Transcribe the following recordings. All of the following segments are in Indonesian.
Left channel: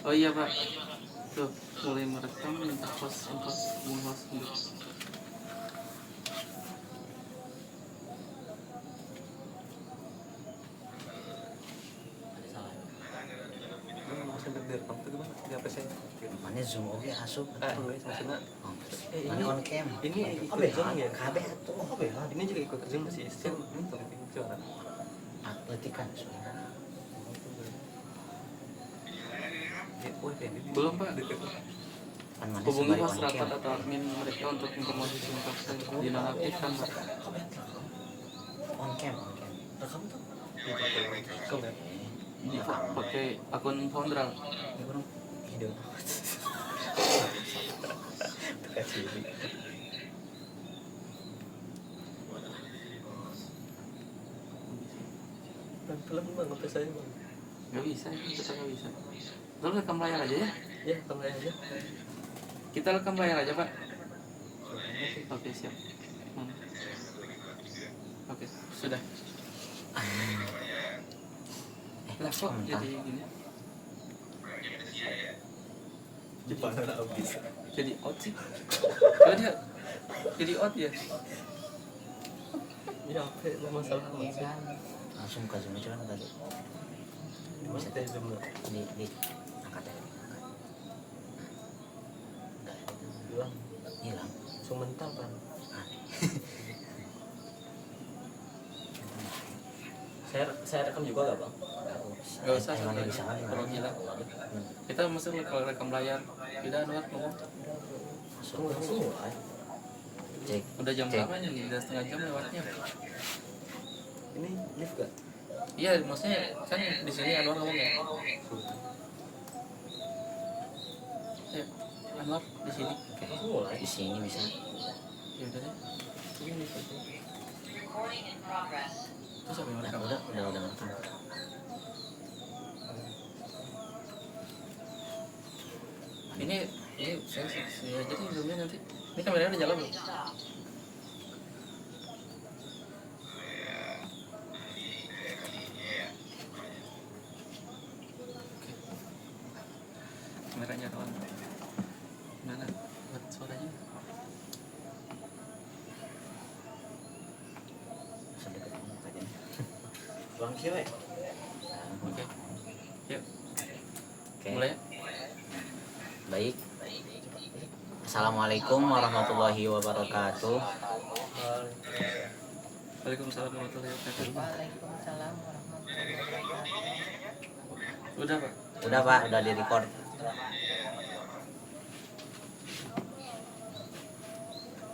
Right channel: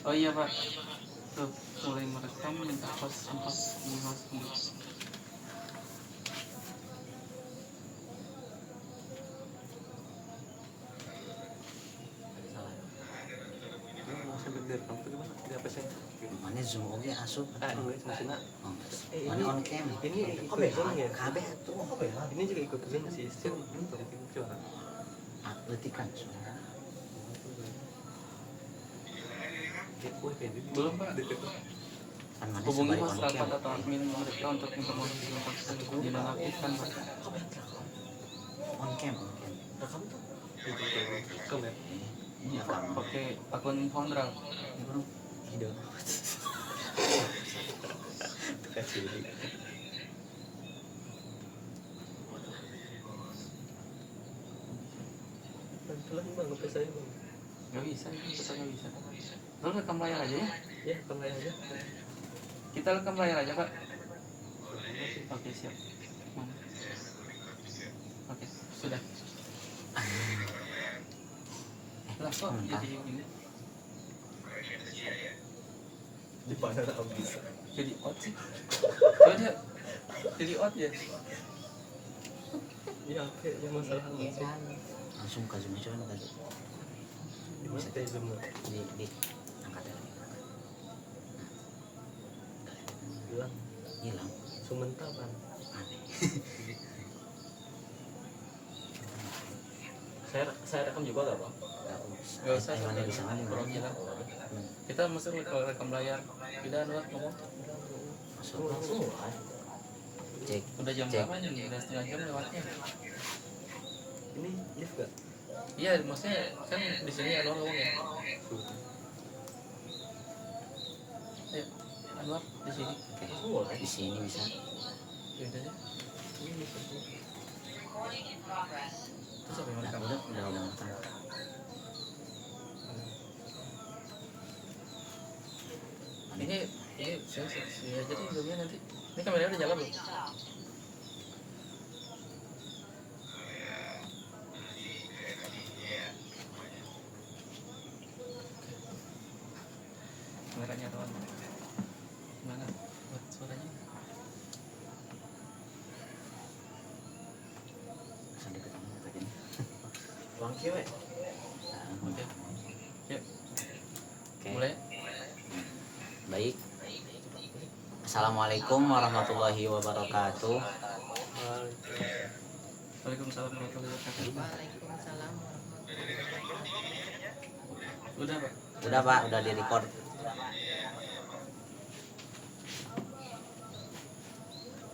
Oh iya Pak, tuh mulai merekam minta host untuk mengulas dulu. Mana zoom oke asup. Maksudnya Mana on cam. ini ikut zoom ya? Kabeh atuh. Ini juga ikut zoom sih, sistem itu gimana? Atletikan soalnya. Belum Pak, Kan mana hubungi sebalik on masyarakat cam. atau admin mereka untuk informasi tentang dinonaktifkan Pak. On cam, on cam. Rekam tuh? Rekam ya? Ini rekam. Pakai akun Foundral. Ini kurang video. Tukar ciri. Pelan bang, sampai saya bang. Gak bisa, kita gak bisa. Lalu rekam layar aja ya? Ya, tambah aja. Kita rekam layar aja Pak. Oke siap. Oke sudah. Nah kok jadi gini? Jepang ada habis. Jadi out sih? Coba dia jadi out ya? Iya, apa masalah apa sih? Langsung ke zoom aja kan tadi. Mas teh zoom lah. Di angkat aja. Hilang. Hilang. Semental kan. Saya rekam juga gak bang? Gak usah. Mana bisa kan? Kalau gila. Kita mesti kalau rekam layar. Tidak nuat ngomong. Langsung. Cek. Udah jam berapa nih? Udah setengah jam lewatnya. Ini lift gak? Iya, maksudnya kan di sini Anwar ngomong ya. Ya, Anwar di sini. Oke. Di sini bisa. Ya udah deh. Ini terus apa yang rekam? Udah ngerekam. Ini saya aja deh zoomnya nanti. Ini kameranya udah nyala belum? Kameranya on. Mana? Buat suaranya. Sedekat ini tadi. Bang Kiwe. Oke. Yuk, Oke. mulai. Baik. Assalamualaikum warahmatullahi wabarakatuh. Waalaikumsalam warahmatullahi wabarakatuh. Waalaikumsalam warahmatullahi wabarakatuh. Udah Pak. Udah Pak, udah di record.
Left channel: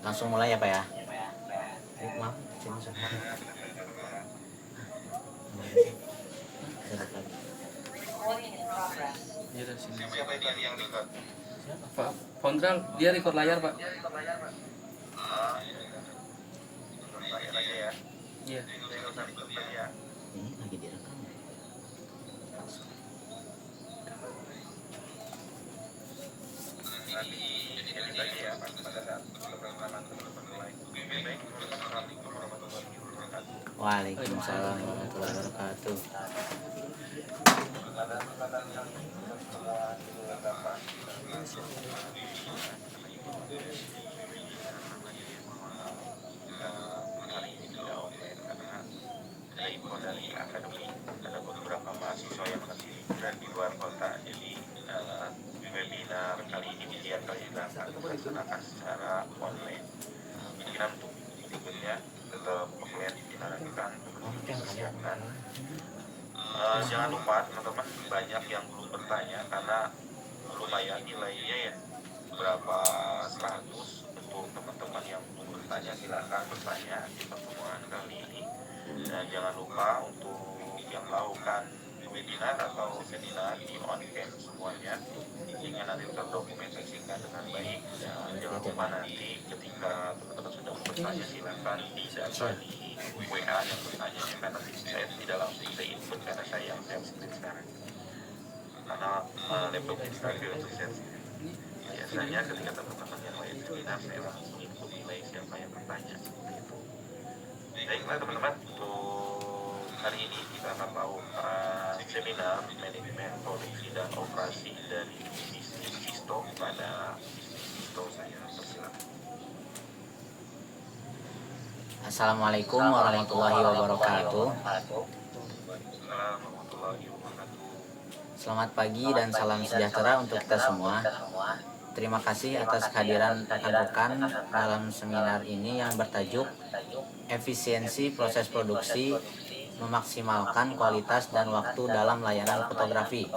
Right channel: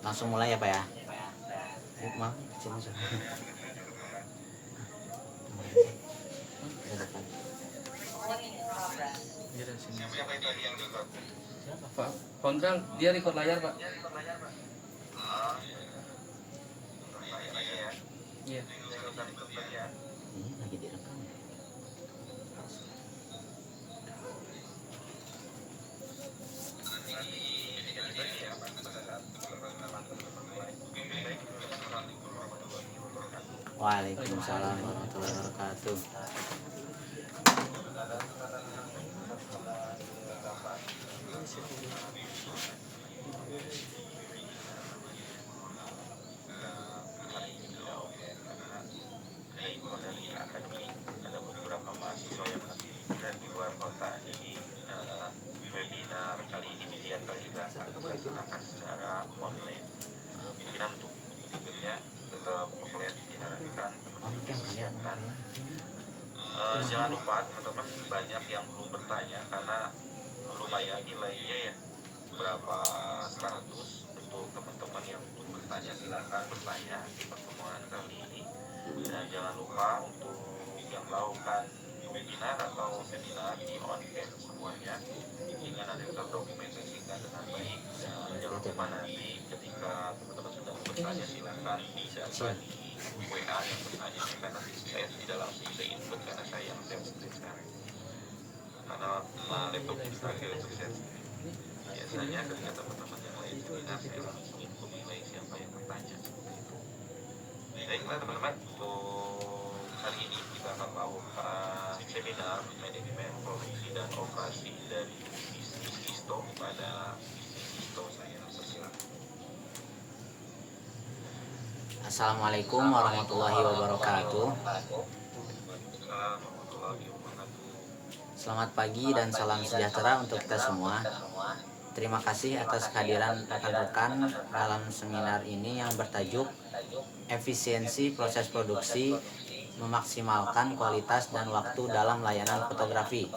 Langsung mulai ya Pak ya. Maaf, sini sudah. Dekat. Iya dari sini. Pak Foundral, dia record layar Pak. Iya. Ini lagi direkam. Waalaikumsalam warahmatullahi wabarakatuh. Jangan lupa teman-teman, banyak yang belum bertanya karena lumayan nilainya ya berapa 100. Untuk teman-teman yang belum bertanya silakan bertanya di pertemuan kali ini. Dan jangan lupa untuk yang melakukan webinar atau seminar di on cam semuanya intinya nanti terdokumentasikan dengan baik. Dan jangan lupa nanti ketika teman-teman sudah bertanya silakan bisa di WA yang bertanya karena saya tidak langsung bisa input karena saya yang sedang sekarang karena laptop ini sebagai asistensi biasanya ketika teman-teman yang lain seminar saya langsung input nilai siapa yang bertanya. Baiklah teman-teman, untuk hari ini kita melakukan seminar manajemen produksi dan operasi dari bisnis Isto pada Isto. Saya persilakan. Assalamualaikum warahmatullahi wabarakatuh. Selamat pagi dan salam sejahtera untuk kita semua. Terima kasih atas kehadiran rekan-rekan dalam seminar ini yang bertajuk Efisiensi Proses Produksi Memaksimalkan Kualitas dan Waktu dalam Layanan Fotografi.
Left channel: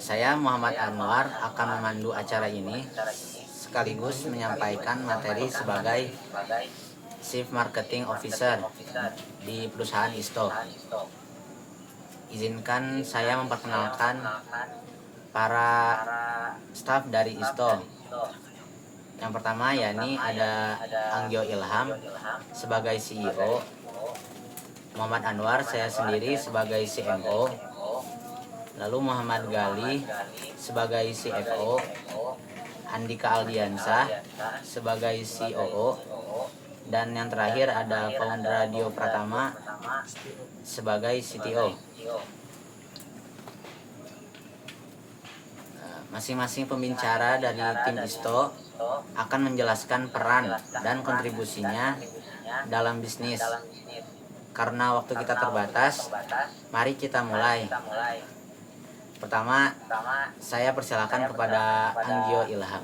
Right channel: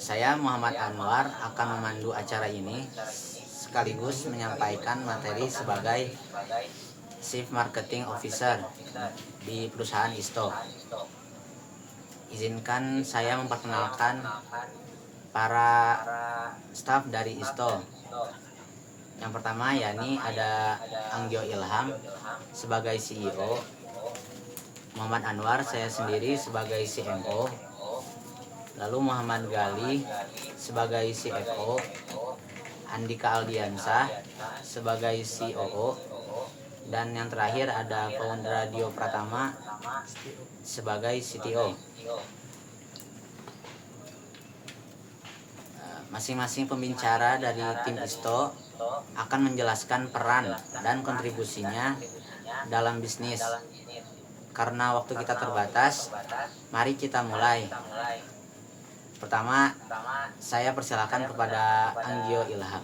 Saya Muhammad Anwar akan memandu acara ini sekaligus menyampaikan materi sebagai Chief Marketing Officer di perusahaan Isto. Izinkan saya memperkenalkan para staf dari Isto. Yang pertama yakni ada Anggyo Ilham sebagai CEO, Muhammad Anwar saya sendiri sebagai CMO, lalu Muhammad Gali sebagai CFO, Andika Aldiansah sebagai COO, dan yang terakhir ada Founder Radio Pratama sebagai CTO. Masing-masing pembicara dari tim Isto akan menjelaskan peran dan kontribusinya dalam bisnis. Karena waktu kita terbatas, mari kita mulai. Pertama, saya persilakan kepada Anggyo Ilham.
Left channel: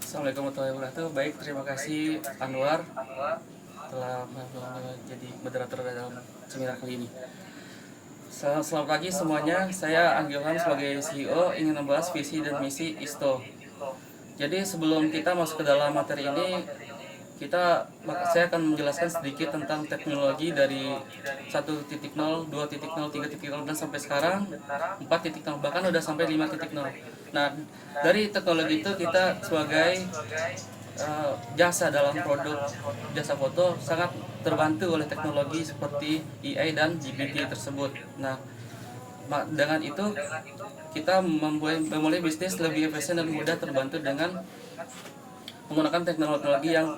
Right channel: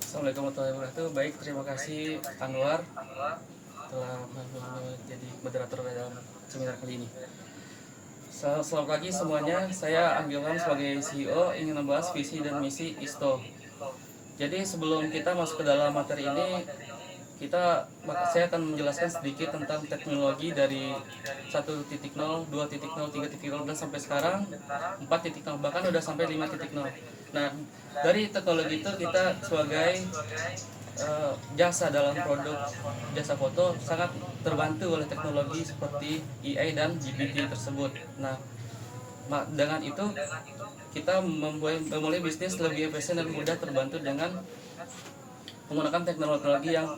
Assalamualaikum warahmatullahi wabarakatuh. Baik, terima kasih Anwar telah menjadi moderator dalam seminar kali ini. Selamat pagi semuanya, saya Anggyo Ilham sebagai CEO ingin membahas visi dan misi Isto. Jadi sebelum kita masuk ke dalam materi ini, saya akan menjelaskan sedikit tentang teknologi dari 1.0, 2.0, 3.0 dan sampai sekarang 4.0, bahkan udah sampai 5.0. Nah, dari teknologi itu kita sebagai jasa dalam produk jasa foto sangat terbantu oleh teknologi seperti AI dan GPT tersebut. Nah, dengan itu kita memulai bisnis lebih efisien dan mudah terbantu dengan menggunakan teknologi yang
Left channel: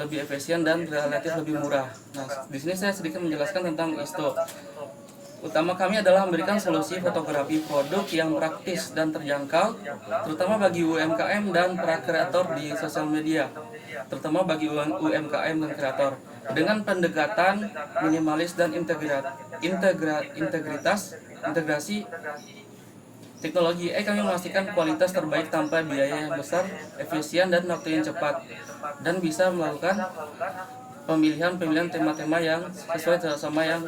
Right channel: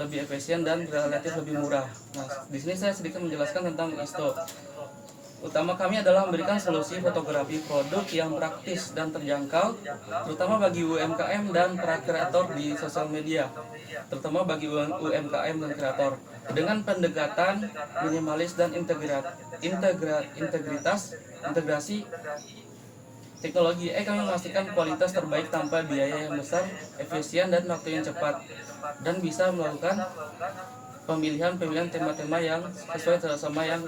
lebih efisien dan relatif lebih murah. Nah, di sini saya sedikit menjelaskan tentang Isto. Utama kami adalah memberikan solusi fotografi produk yang praktis dan terjangkau, terutama bagi UMKM dan para kreator di sosial media, terutama bagi UMKM dan kreator, dengan pendekatan minimalis dan integrasi teknologi. Kami memastikan kualitas terbaik tanpa biaya yang besar, efisien dan waktu yang cepat, dan bisa melakukan pemilihan tema-tema yang sesuai sama yang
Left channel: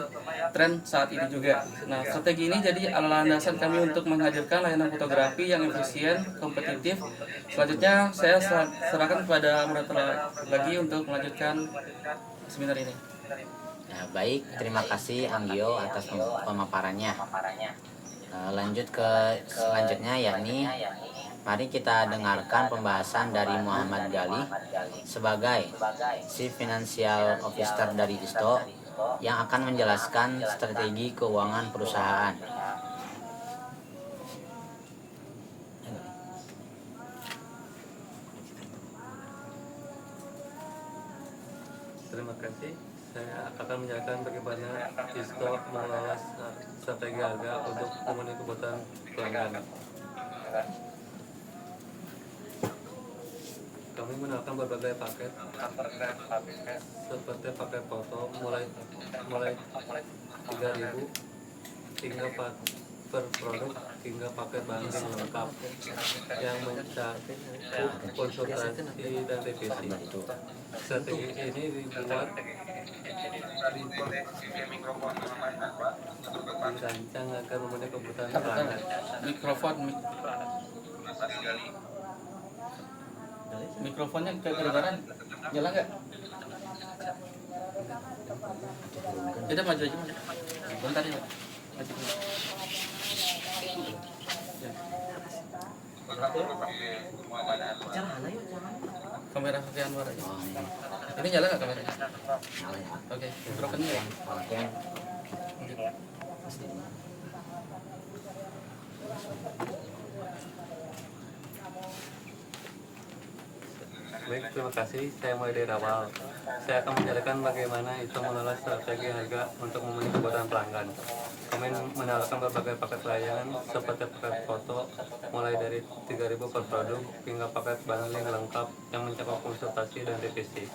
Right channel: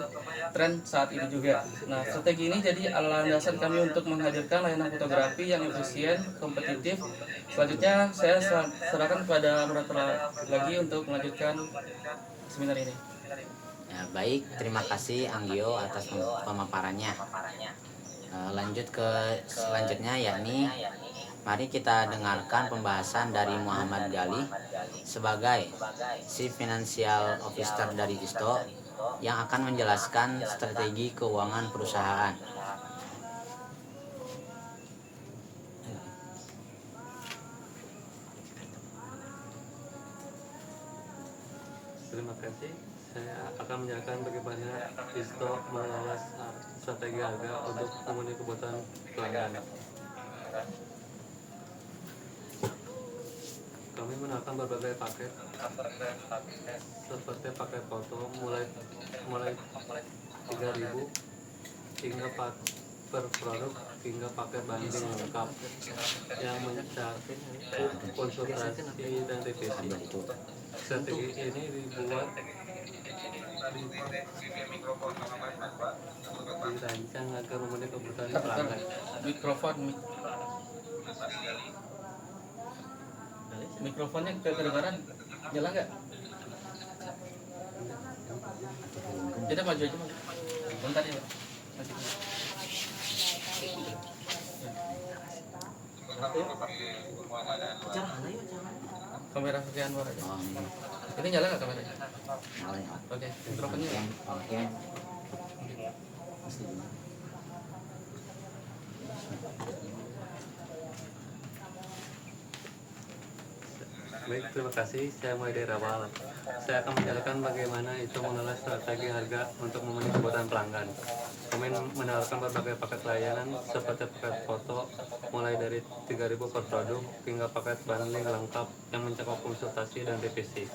tren saat ini juga. Nah, strategi ini jadi landasan kami untuk menghadirkan layanan fotografi yang efisien, kompetitif. Selanjutnya saya serahkan kepada moderator lagi untuk melanjutkan seminar ini. Nah, baik, terima kasih Anggyo atas pemaparannya. Lanjut ke selanjutnya yakni mari kita dengarkan pembahasan dari Muhammad Gali sebagai Chief Financial Officer dari Isto yang akan menjelaskan strategi keuangan perusahaan. Terima kasih. Saya akan menjelaskan bagaimana Isto mengelola strategi harga untuk memenuhi kebutuhan pelanggan. Kami menggunakan berbagai paket seperti paket foto mulai 3.000 hingga per produk hingga paket banding lengkap yang mencakup konsultasi dan revisi. Strategi ini dibuat dirancang agar memenuhi kebutuhan pelanggan. Mikrofonnya kedengaran, nyala nggak? Jadi maju aja, bentar ya. Kamera Hafiz Anwar. Ini nyala nggak kameranya? Nyala ya. Oke, mikrofonnya ya. Oke. Baik, terima kasih. Saya mulai dari awal. Saya akan menjelaskan bagaimana itu mengelola strategi harga untuk memenuhi kebutuhan pelanggan. Kami menawarkan berbagai paket layanan seperti paket foto mulai dari 3.000 per produk hingga paket bundling lengkap yang mencakup konsultasi dan revisi.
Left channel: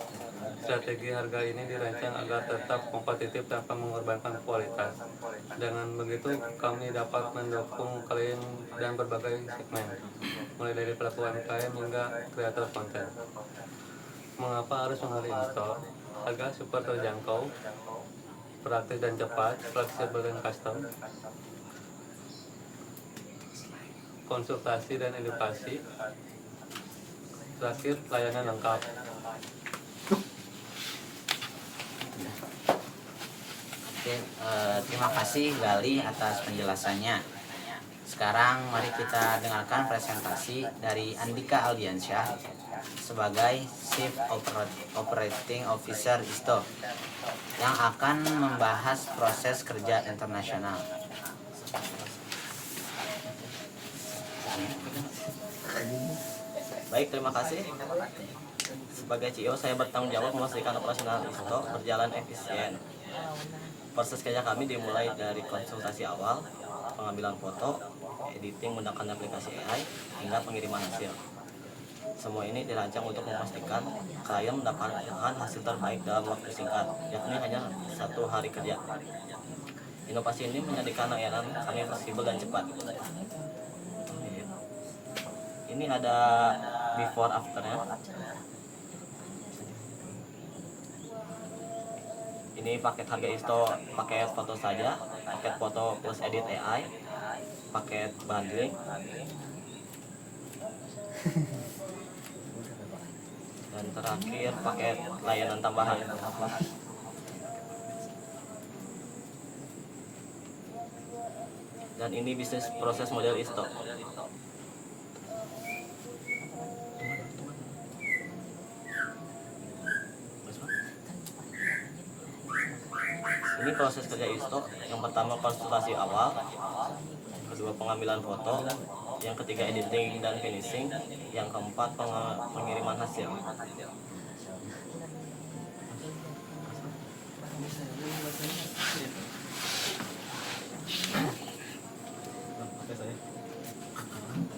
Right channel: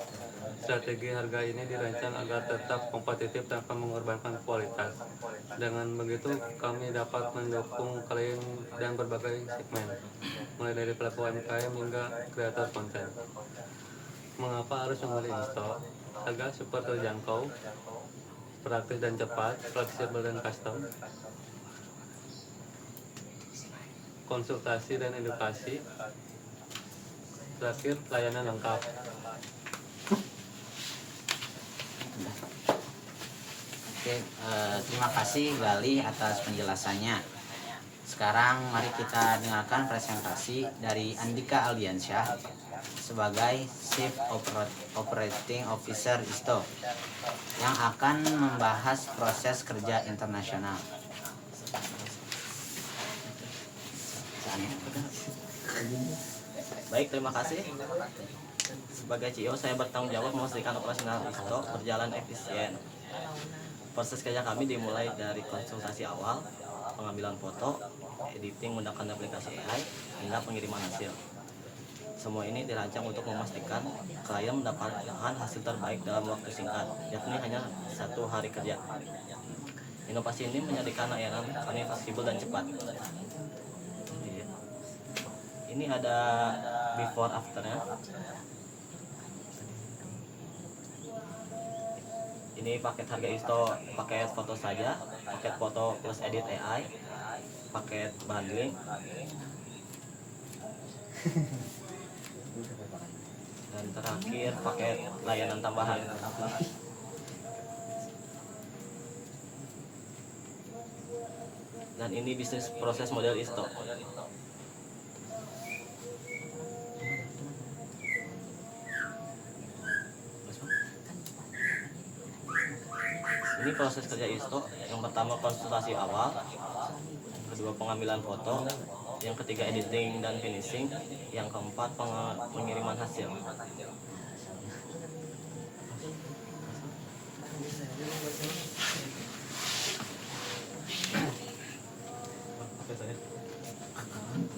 Strategi harga ini dirancang agar tetap kompetitif tanpa mengorbankan kualitas. Dengan begitu, kami dapat mendukung klien dan berbagai segmen, mulai dari pelaku UMKM hingga kreator konten. Mengapa harus memilih in-store? Harga super terjangkau, praktis dan cepat, fleksibel dan custom, konsultasi dan edukasi, terakhir layanan lengkap. Oke, terima kasih Gali atas penjelasannya. Sekarang mari kita dengarkan presentasi dari Andika Aldiansyah sebagai Chief Operating Officer ISTO yang akan membahas proses kerja internasional. Baik, terima kasih. Sebagai CEO, saya bertanggung jawab memastikan operasional ISTO berjalan efisien. Proses kerja kami dimulai dari konsultasi awal, pengambilan foto, editing menggunakan aplikasi AI, hingga pengiriman hasil. Semua ini dirancang untuk memastikan klien mendapatkan hasil terbaik dalam waktu singkat, yakni hanya 1 hari kerja. Inovasi ini menjadikan layanan kami fleksibel dan cepat. Ini ada before afternya. Ini paket harga ISTO, paket foto saja, paket foto plus edit AI, paket bundling, dan terakhir paket layanan tambahan. Dan ini bisnis proses model ISTO. Ini proses kerja ISTO. Yang pertama konsultasi awal, kedua pengambilan foto, yang ketiga editing dan finishing, yang keempat pengiriman hasil.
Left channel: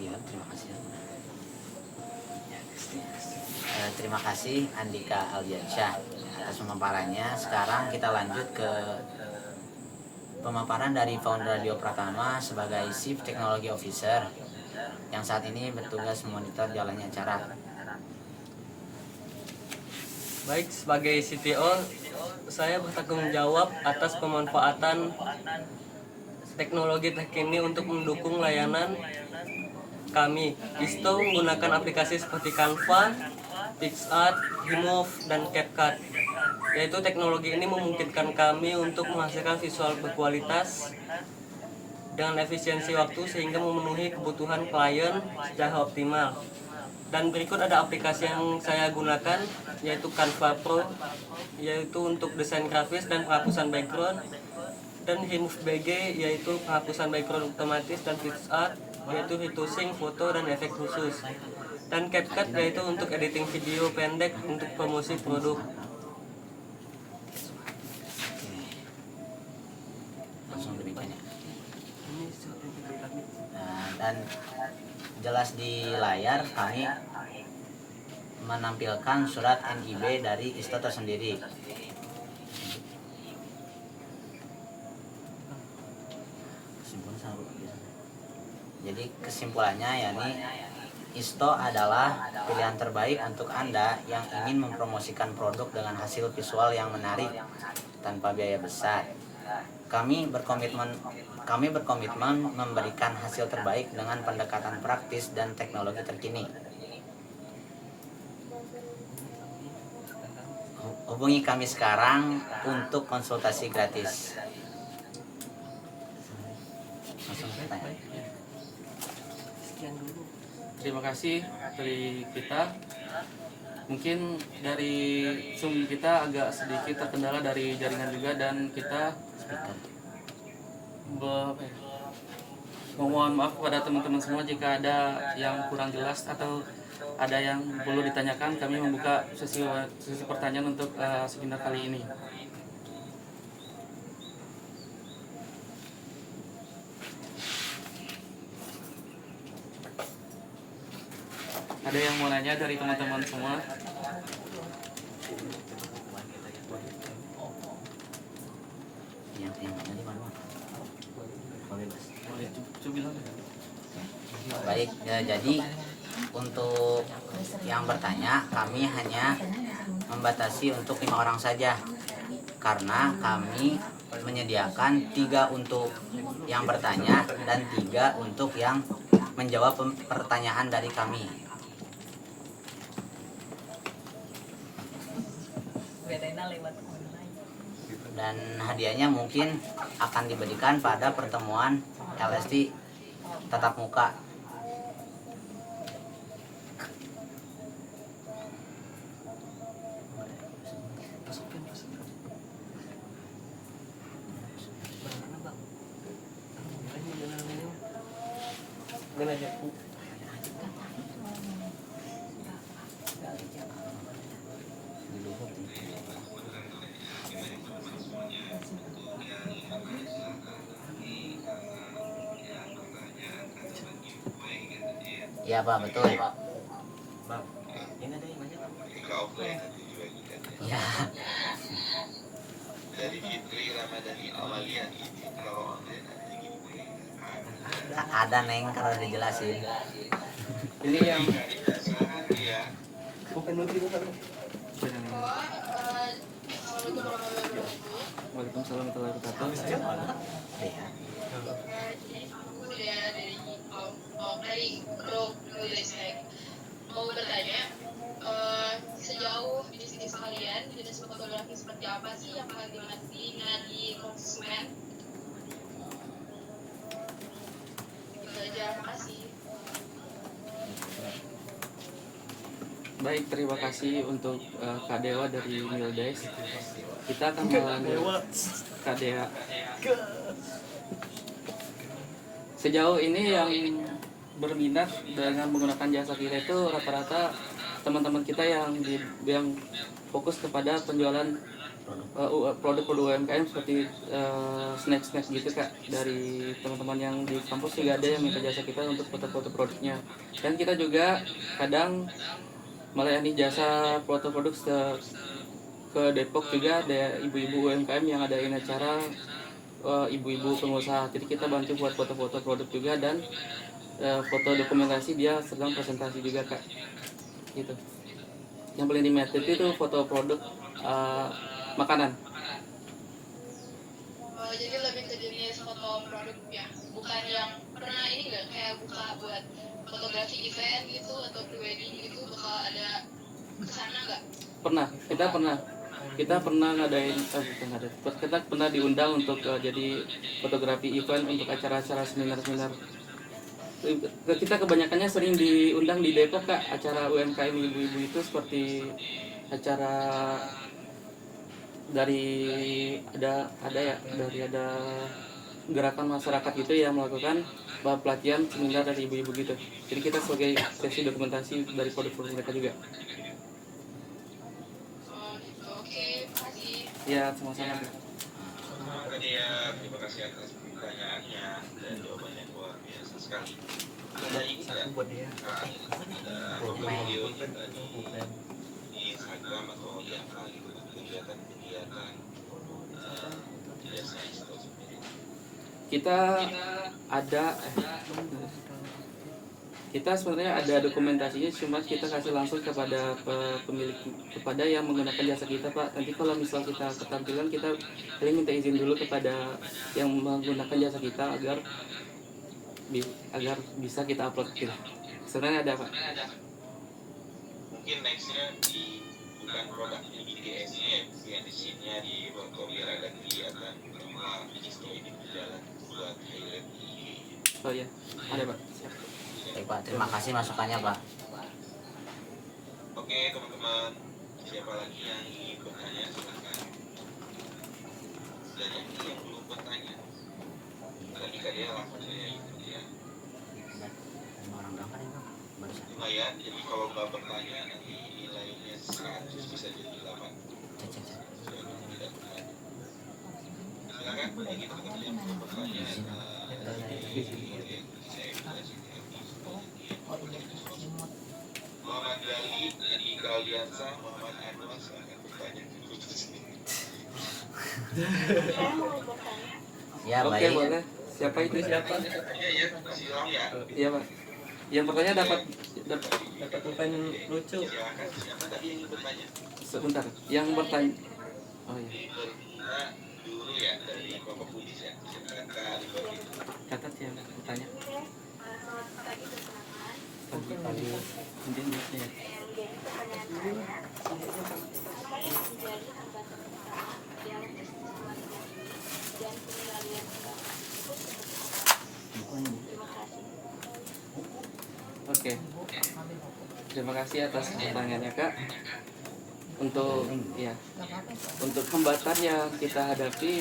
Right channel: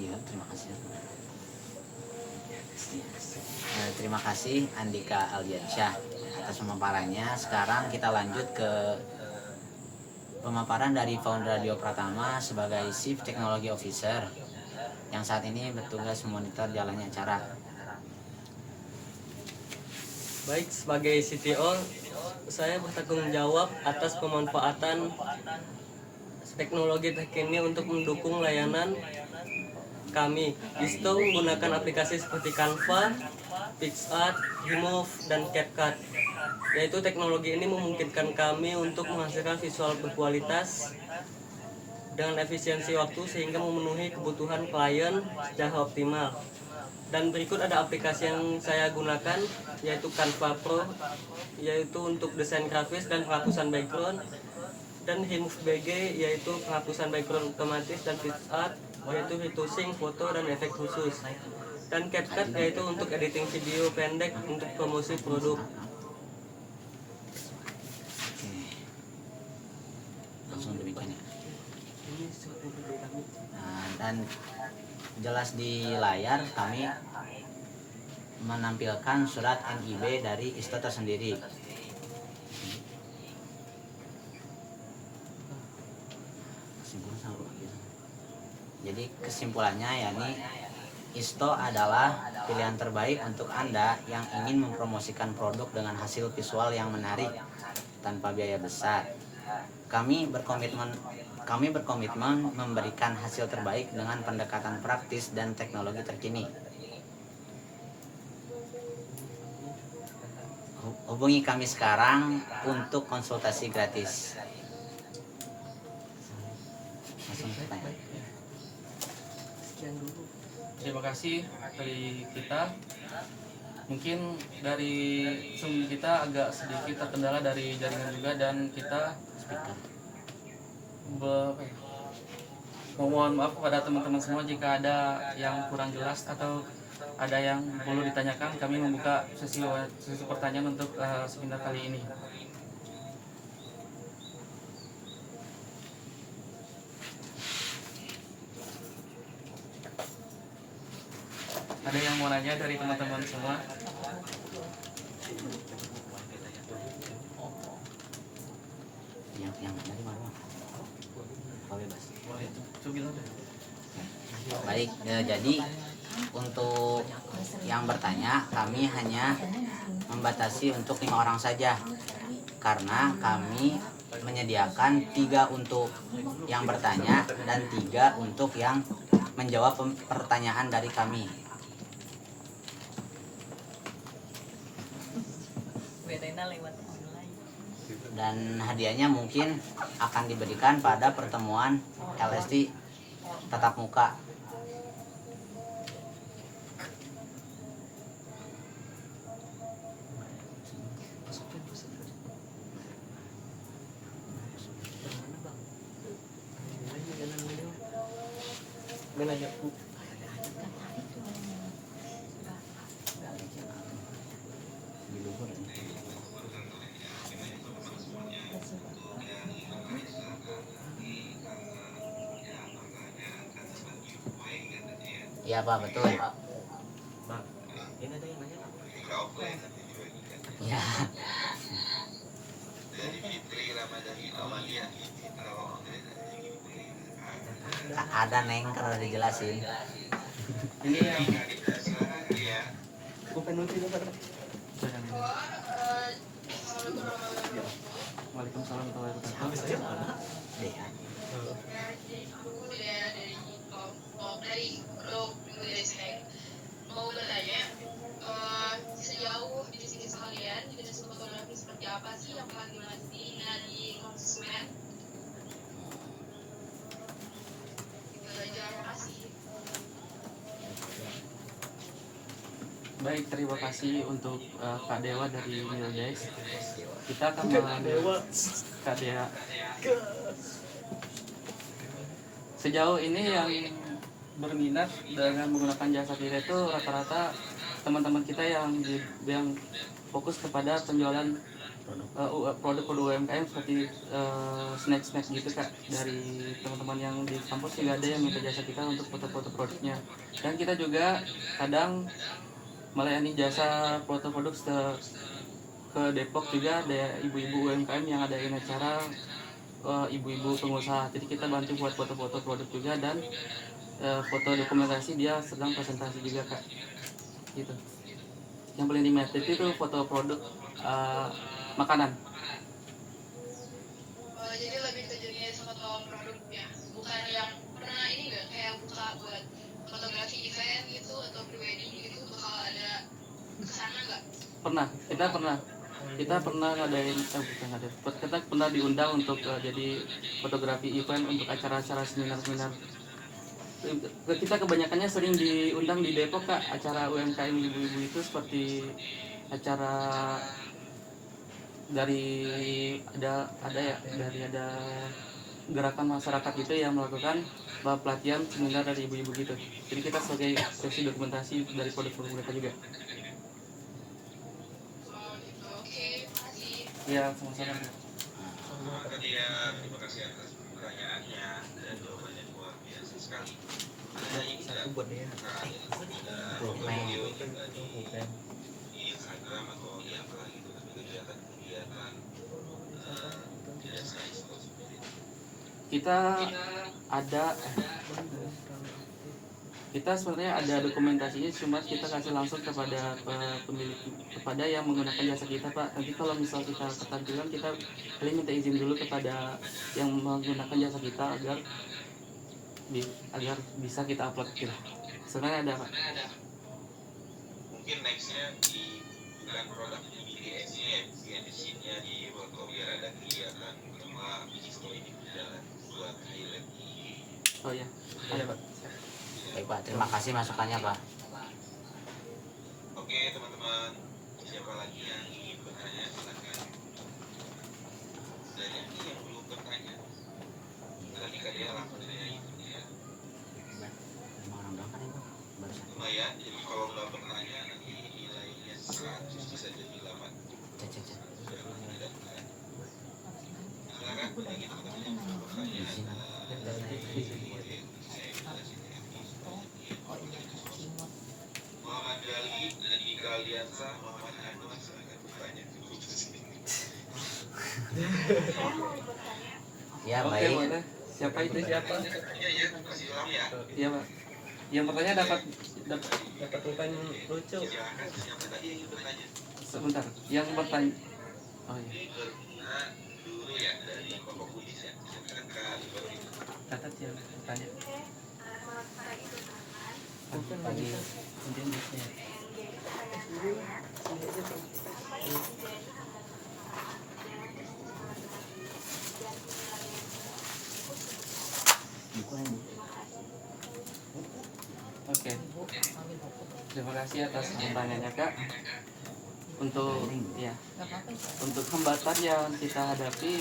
Iya, terima kasih. Terima kasih Andika Aldiansyah atas pemaparannya. Sekarang kita lanjut ke pemaparan dari founder Radio Pratama sebagai Chief Technology Officer yang saat ini bertugas memonitor jalannya acara. Baik, sebagai CTO, saya bertanggung jawab atas pemanfaatan teknologi terkini untuk mendukung layanan kami. ISTO menggunakan aplikasi seperti Canva, PixArt, Remove, dan CapCut. Yaitu teknologi ini memungkinkan kami untuk menghasilkan visual berkualitas dengan efisiensi waktu sehingga memenuhi kebutuhan klien secara optimal. Dan berikut ada aplikasi yang saya gunakan, yaitu Canva Pro, yaitu untuk desain grafis dan penghapusan background, dan Remove BG, yaitu penghapusan background otomatis, dan PixArt, yaitu retouching foto dan efek khusus, dan CapCut, yaitu untuk editing video pendek untuk promosi produk. Langsung demikian ya. Nah, dan jelas di layar kami menampilkan surat NIB dari ISTO tersendiri. Jadi kesimpulannya yakni ISTO adalah pilihan terbaik untuk Anda yang ingin mempromosikan produk dengan hasil visual yang menarik tanpa biaya besar. Kami berkomitmen memberikan hasil terbaik dengan pendekatan praktis dan teknologi terkini. Hubungi kami sekarang untuk konsultasi gratis. Langsung tanya. Terima kasih dari kita. Mungkin dari Zoom kita agak sedikit terkendala dari jaringan juga, dan kita mohon maaf kepada teman-teman semua jika ada yang kurang jelas atau ada yang perlu ditanyakan, kami membuka sesi pertanyaan untuk seminar kali ini. Ada yang mau nanya dari teman-teman semua? Yang tadi mana? Oh, bebas. Boleh, coba bilang. Baik, jadi untuk yang bertanya kami hanya membatasi untuk 5 orang saja karena kami menyediakan 3 untuk yang bertanya dan 3 untuk yang menjawab pertanyaan dari kami. Bedanya lewat online. Dan hadiahnya mungkin akan diberikan pada pertemuan LST tatap muka. Iya Pak, betul. Bang, ini ada yang nanya Bang. Ya, Dari Fitri Ramadhani Amalia ini kalau ada Neng kalau dijelasin. Ini yang ya bukan menteri bukan. Waalaikumsalam warahmatullahi wabarakatuh. Dea. Dari grup Nulisek mau bertanya sejauh di sini sekalian jenis fotografi seperti apa sih yang bakal dilatih di konsumen itu aja, makasih. Baik, terima kasih untuk Kak Dewa dari Mildex. Kita akan mengambil Kak Dewa. Sejauh ini yang berminat dengan menggunakan jasa kita itu rata-rata teman-teman kita yang fokus kepada penjualan produk-produk UMKM seperti snack-snack gitu Kak. Dari teman-teman yang di kampus juga ada yang minta jasa kita untuk foto-foto produknya. Dan kita juga kadang melayani jasa foto produk ke Depok juga ada ibu-ibu UMKM yang adain acara ibu-ibu pengusaha. Jadi kita bantu buat foto-foto produk juga dan foto dokumentasi dia sedang presentasi juga Kak. Gitu. Yang paling diminati itu foto produk makanan. Jadi lebih ke jenis foto produk ya, bukan yang pernah ini nggak kayak buka buat fotografi event gitu atau prewedding gitu bakal ada kesana nggak? Pernah, kita pernah ngadain kita pernah diundang untuk jadi fotografi event untuk acara-acara seminar-seminar. Kita kebanyakannya sering diundang di Depok Kak, acara UMKM ibu-ibu itu seperti acara dari ada gerakan masyarakat gitu yang melakukan pelatihan seminar dari ibu-ibu gitu. Jadi kita sebagai sesi dokumentasi dari produk-produk mereka juga. Oke, makasih. Ya, sama-sama. tadi ya terima kasih atas pertanyaannya dan jawabannya luar biasa sekali. Ada ini Satu buat dia. video di Instagram atau di apa gitu kegiatan-kegiatan jasa itu sendiri. Kita sebenarnya ada dokumentasinya, cuma kita kasih langsung kepada pemilik, kepada yang menggunakan jasa kita Pak. Nanti kalau misal kita ketampilan, kita paling minta izin dulu kepada yang menggunakan jasa kita agar bisa kita upload gitu. Sebenarnya ada Pak. Mungkin nextnya di bukan produknya di DS-nya ya, di sini di Bangkok biar ada kegiatan bersama bisnisnya ini berjalan buat highlight ini. Oh iya, ada Pak. Baik Pak, terima kasih masukannya Pak. Oke teman-teman, siapa lagi yang ingin bertanya silakan. Dan yang belum bertanya, tadi kan dia langsung saja ikut ya. 5 orang doang kan ini Pak? Barusan. Lumayan, jadi kalau Muhammad dari Aliansa, Muhammad Anwar, silakan bertanya. Ya Oke, baik. boleh. Siapa itu siapa? Silakan ya. Iya Pak. Yang bertanya dapat Dapat pulpen lucu. Silakan siapa tadi yang bertanya? sebentar. Yang bertanya. Oh iya. Nah, dulu ya dari Bapak Budi ya. Silakan. Catat yang bertanya. Pagi. Kemudian di sini. Oke. Terima kasih atas pertanyaannya Kak. Untuk hambatan yang kita hadapi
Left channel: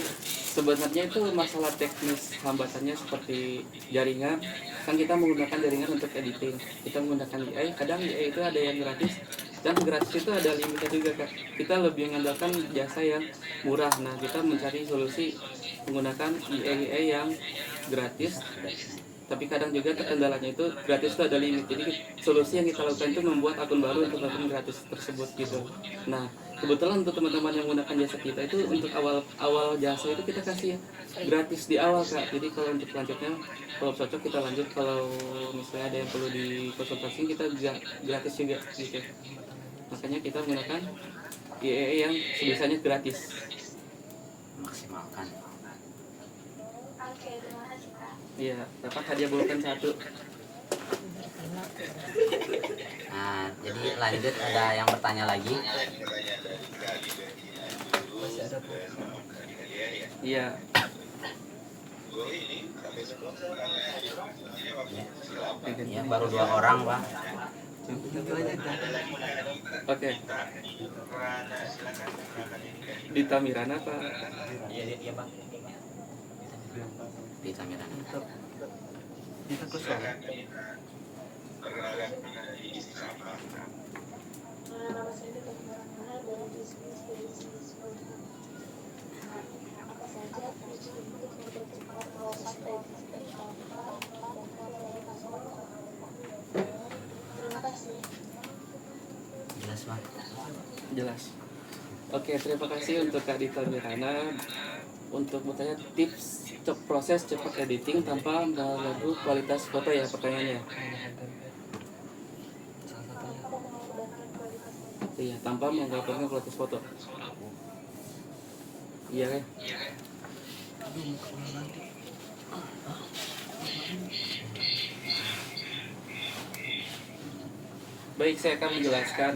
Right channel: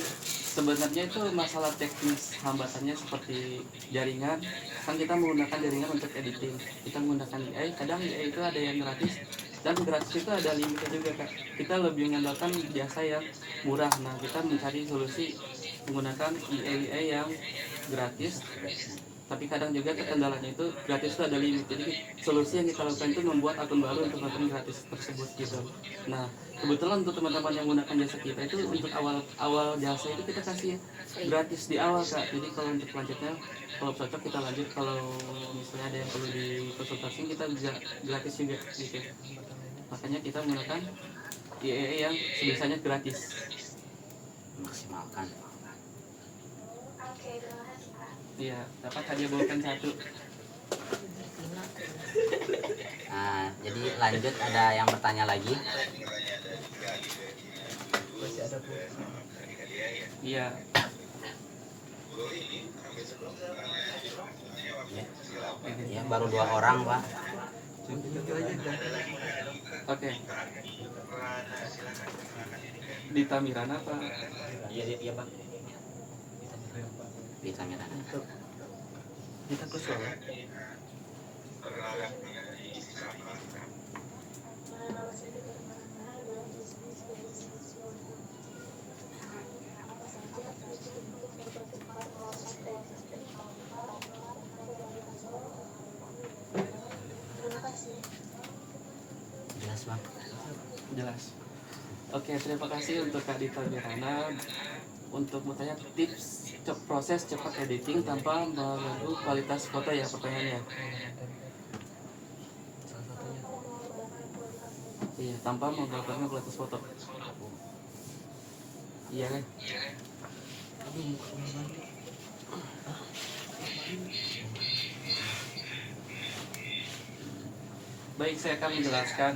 sebenarnya itu masalah teknis hambatannya seperti jaringan. Kan kita menggunakan jaringan untuk editing. Kita menggunakan AI. Kadang AI itu ada yang gratis dan gratis itu ada limitnya juga Kak. Kita lebih mengandalkan jasa yang murah. Nah kita mencari solusi menggunakan AI yang gratis. Tapi kadang juga kendalanya itu gratis itu ada limit. Jadi solusi yang kita lakukan itu membuat akun baru untuk akun gratis tersebut gitu. Nah kebetulan untuk teman-teman yang menggunakan jasa kita itu untuk awal jasa itu kita kasih gratis di awal Kak. Jadi kalau untuk selanjutnya kalau cocok kita lanjut, kalau misalnya ada yang perlu dikonsultasi kita juga gratis juga gitu. Makanya kita menggunakan IAE yang sebisanya gratis. Maksimalkan. Iya, dapat hadiah bulletin 1. Nah, jadi lanjut ada yang bertanya lagi. Iya. Ya, baru 2 orang, Pak. Oke. Dita Mirana Pak. Iya Pak. Bisa Mirana. Kita kosong. Jelas, Bang. Jelas. Oke, terima kasih untuk Kak Dita Mirana untuk bertanya tips proses cepat editing tanpa mengganggu kualitas foto ya pertanyaannya. Iya, tanpa mengganggu kualitas foto. Iya kan? Baik, saya akan menjelaskan.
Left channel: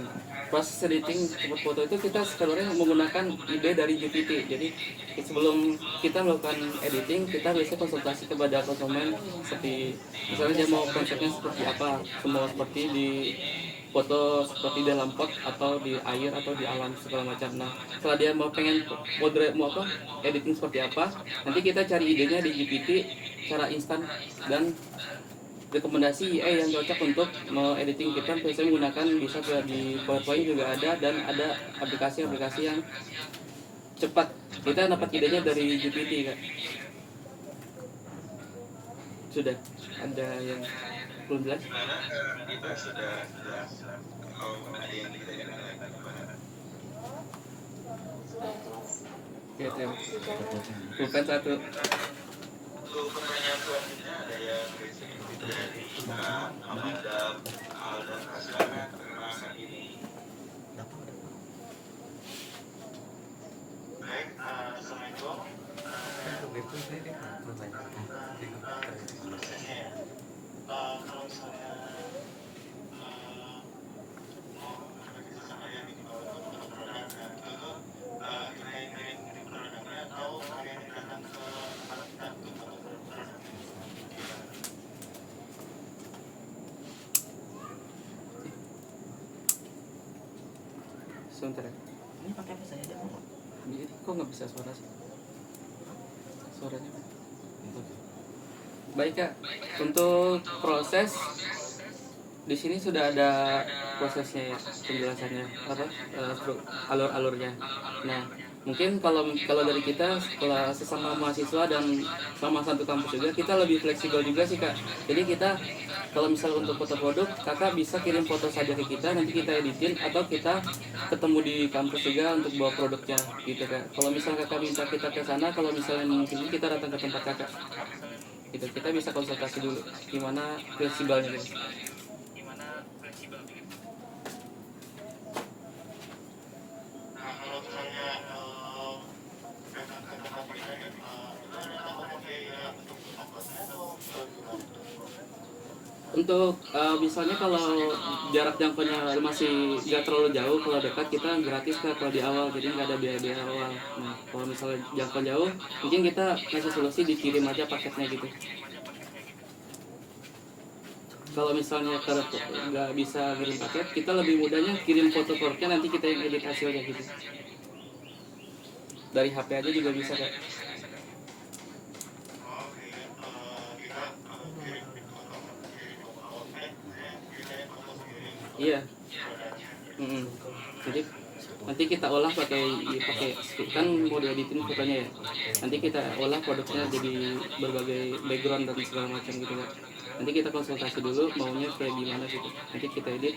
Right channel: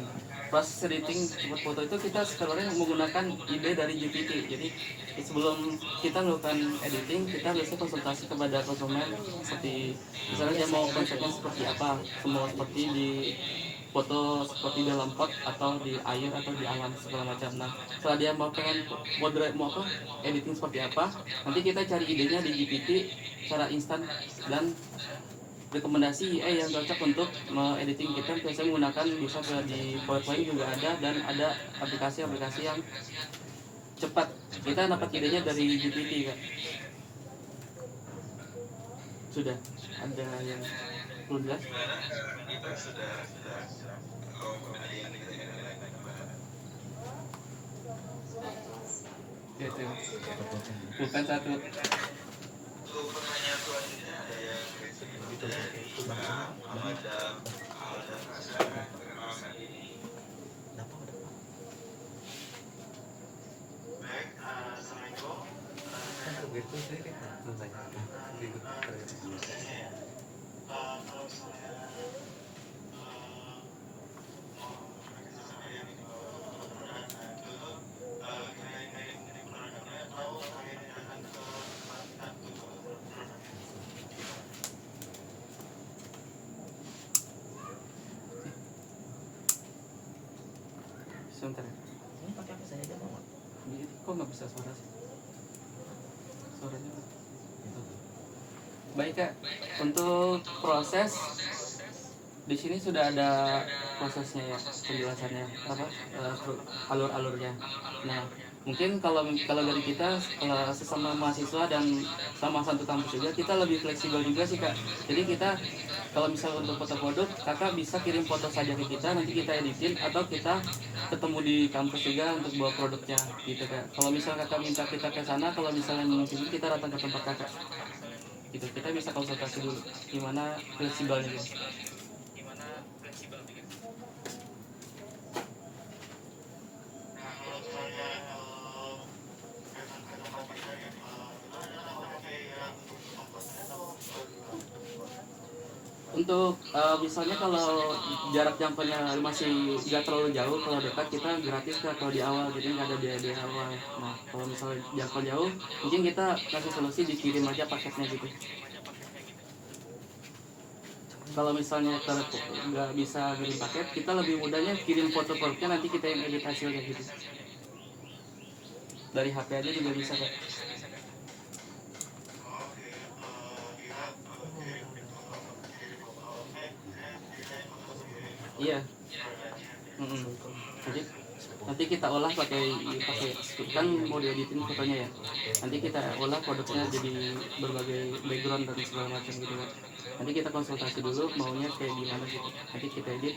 Proses editing cepat foto itu kita sebenarnya menggunakan ide dari GPT. Jadi sebelum kita melakukan editing, kita biasanya konsultasi kepada konsumen seperti misalnya dia mau konsepnya seperti apa, semua seperti di foto seperti dalam pot atau di air atau di alam segala macam. Nah, setelah dia mau pengen editing seperti apa, nanti kita cari idenya di GPT secara instan dan rekomendasi AI yang cocok untuk mau editing kita biasanya menggunakan bisa di PowerPoint juga ada, dan ada aplikasi-aplikasi yang cepat. Kita dapat idenya dari GPT kan. Sudah ada yang belum jelas? Ya, terima kasih. Bukan 1. Sebentar ya. Ini pakai apa saya aja Bang? Jadi kok nggak bisa suara sih? Suaranya. Baik Kak, untuk proses di sini sudah ada prosesnya ya, penjelasannya apa alur-alurnya. Nah, Mungkin kalau dari kita setelah sesama mahasiswa dan sama satu kampus juga, kita lebih fleksibel juga sih Kak. Jadi kita kalau misalnya untuk foto produk, Kakak bisa kirim foto saja ke kita, nanti kita editin, atau kita ketemu di kampus juga untuk bawa produknya gitu Kak. Kalau misalnya Kakak minta kita ke sana, kalau misalnya mungkin kita datang ke tempat Kakak gitu, kita bisa konsultasi dulu gimana fleksibelnya gitu. Untuk misalnya kalau jarak jangkaunya masih nggak terlalu jauh, kalau dekat kita gratis Kak kalau di awal, jadi nggak ada biaya awal. Nah kalau misalnya jangkau jauh, mungkin kita kasih solusi dikirim aja paketnya gitu. Kalau misalnya nggak bisa kirim paket, kita lebih mudahnya kirim foto produknya, nanti kita yang edit hasilnya gitu. Dari HP aja juga bisa Kak. Iya. Jadi nanti kita olah pakai kan mau dieditin fotonya ya. Nanti kita olah produknya jadi berbagai background dan segala macam gitu kan. Nanti kita konsultasi dulu maunya kayak gimana gitu. Nanti kita edit.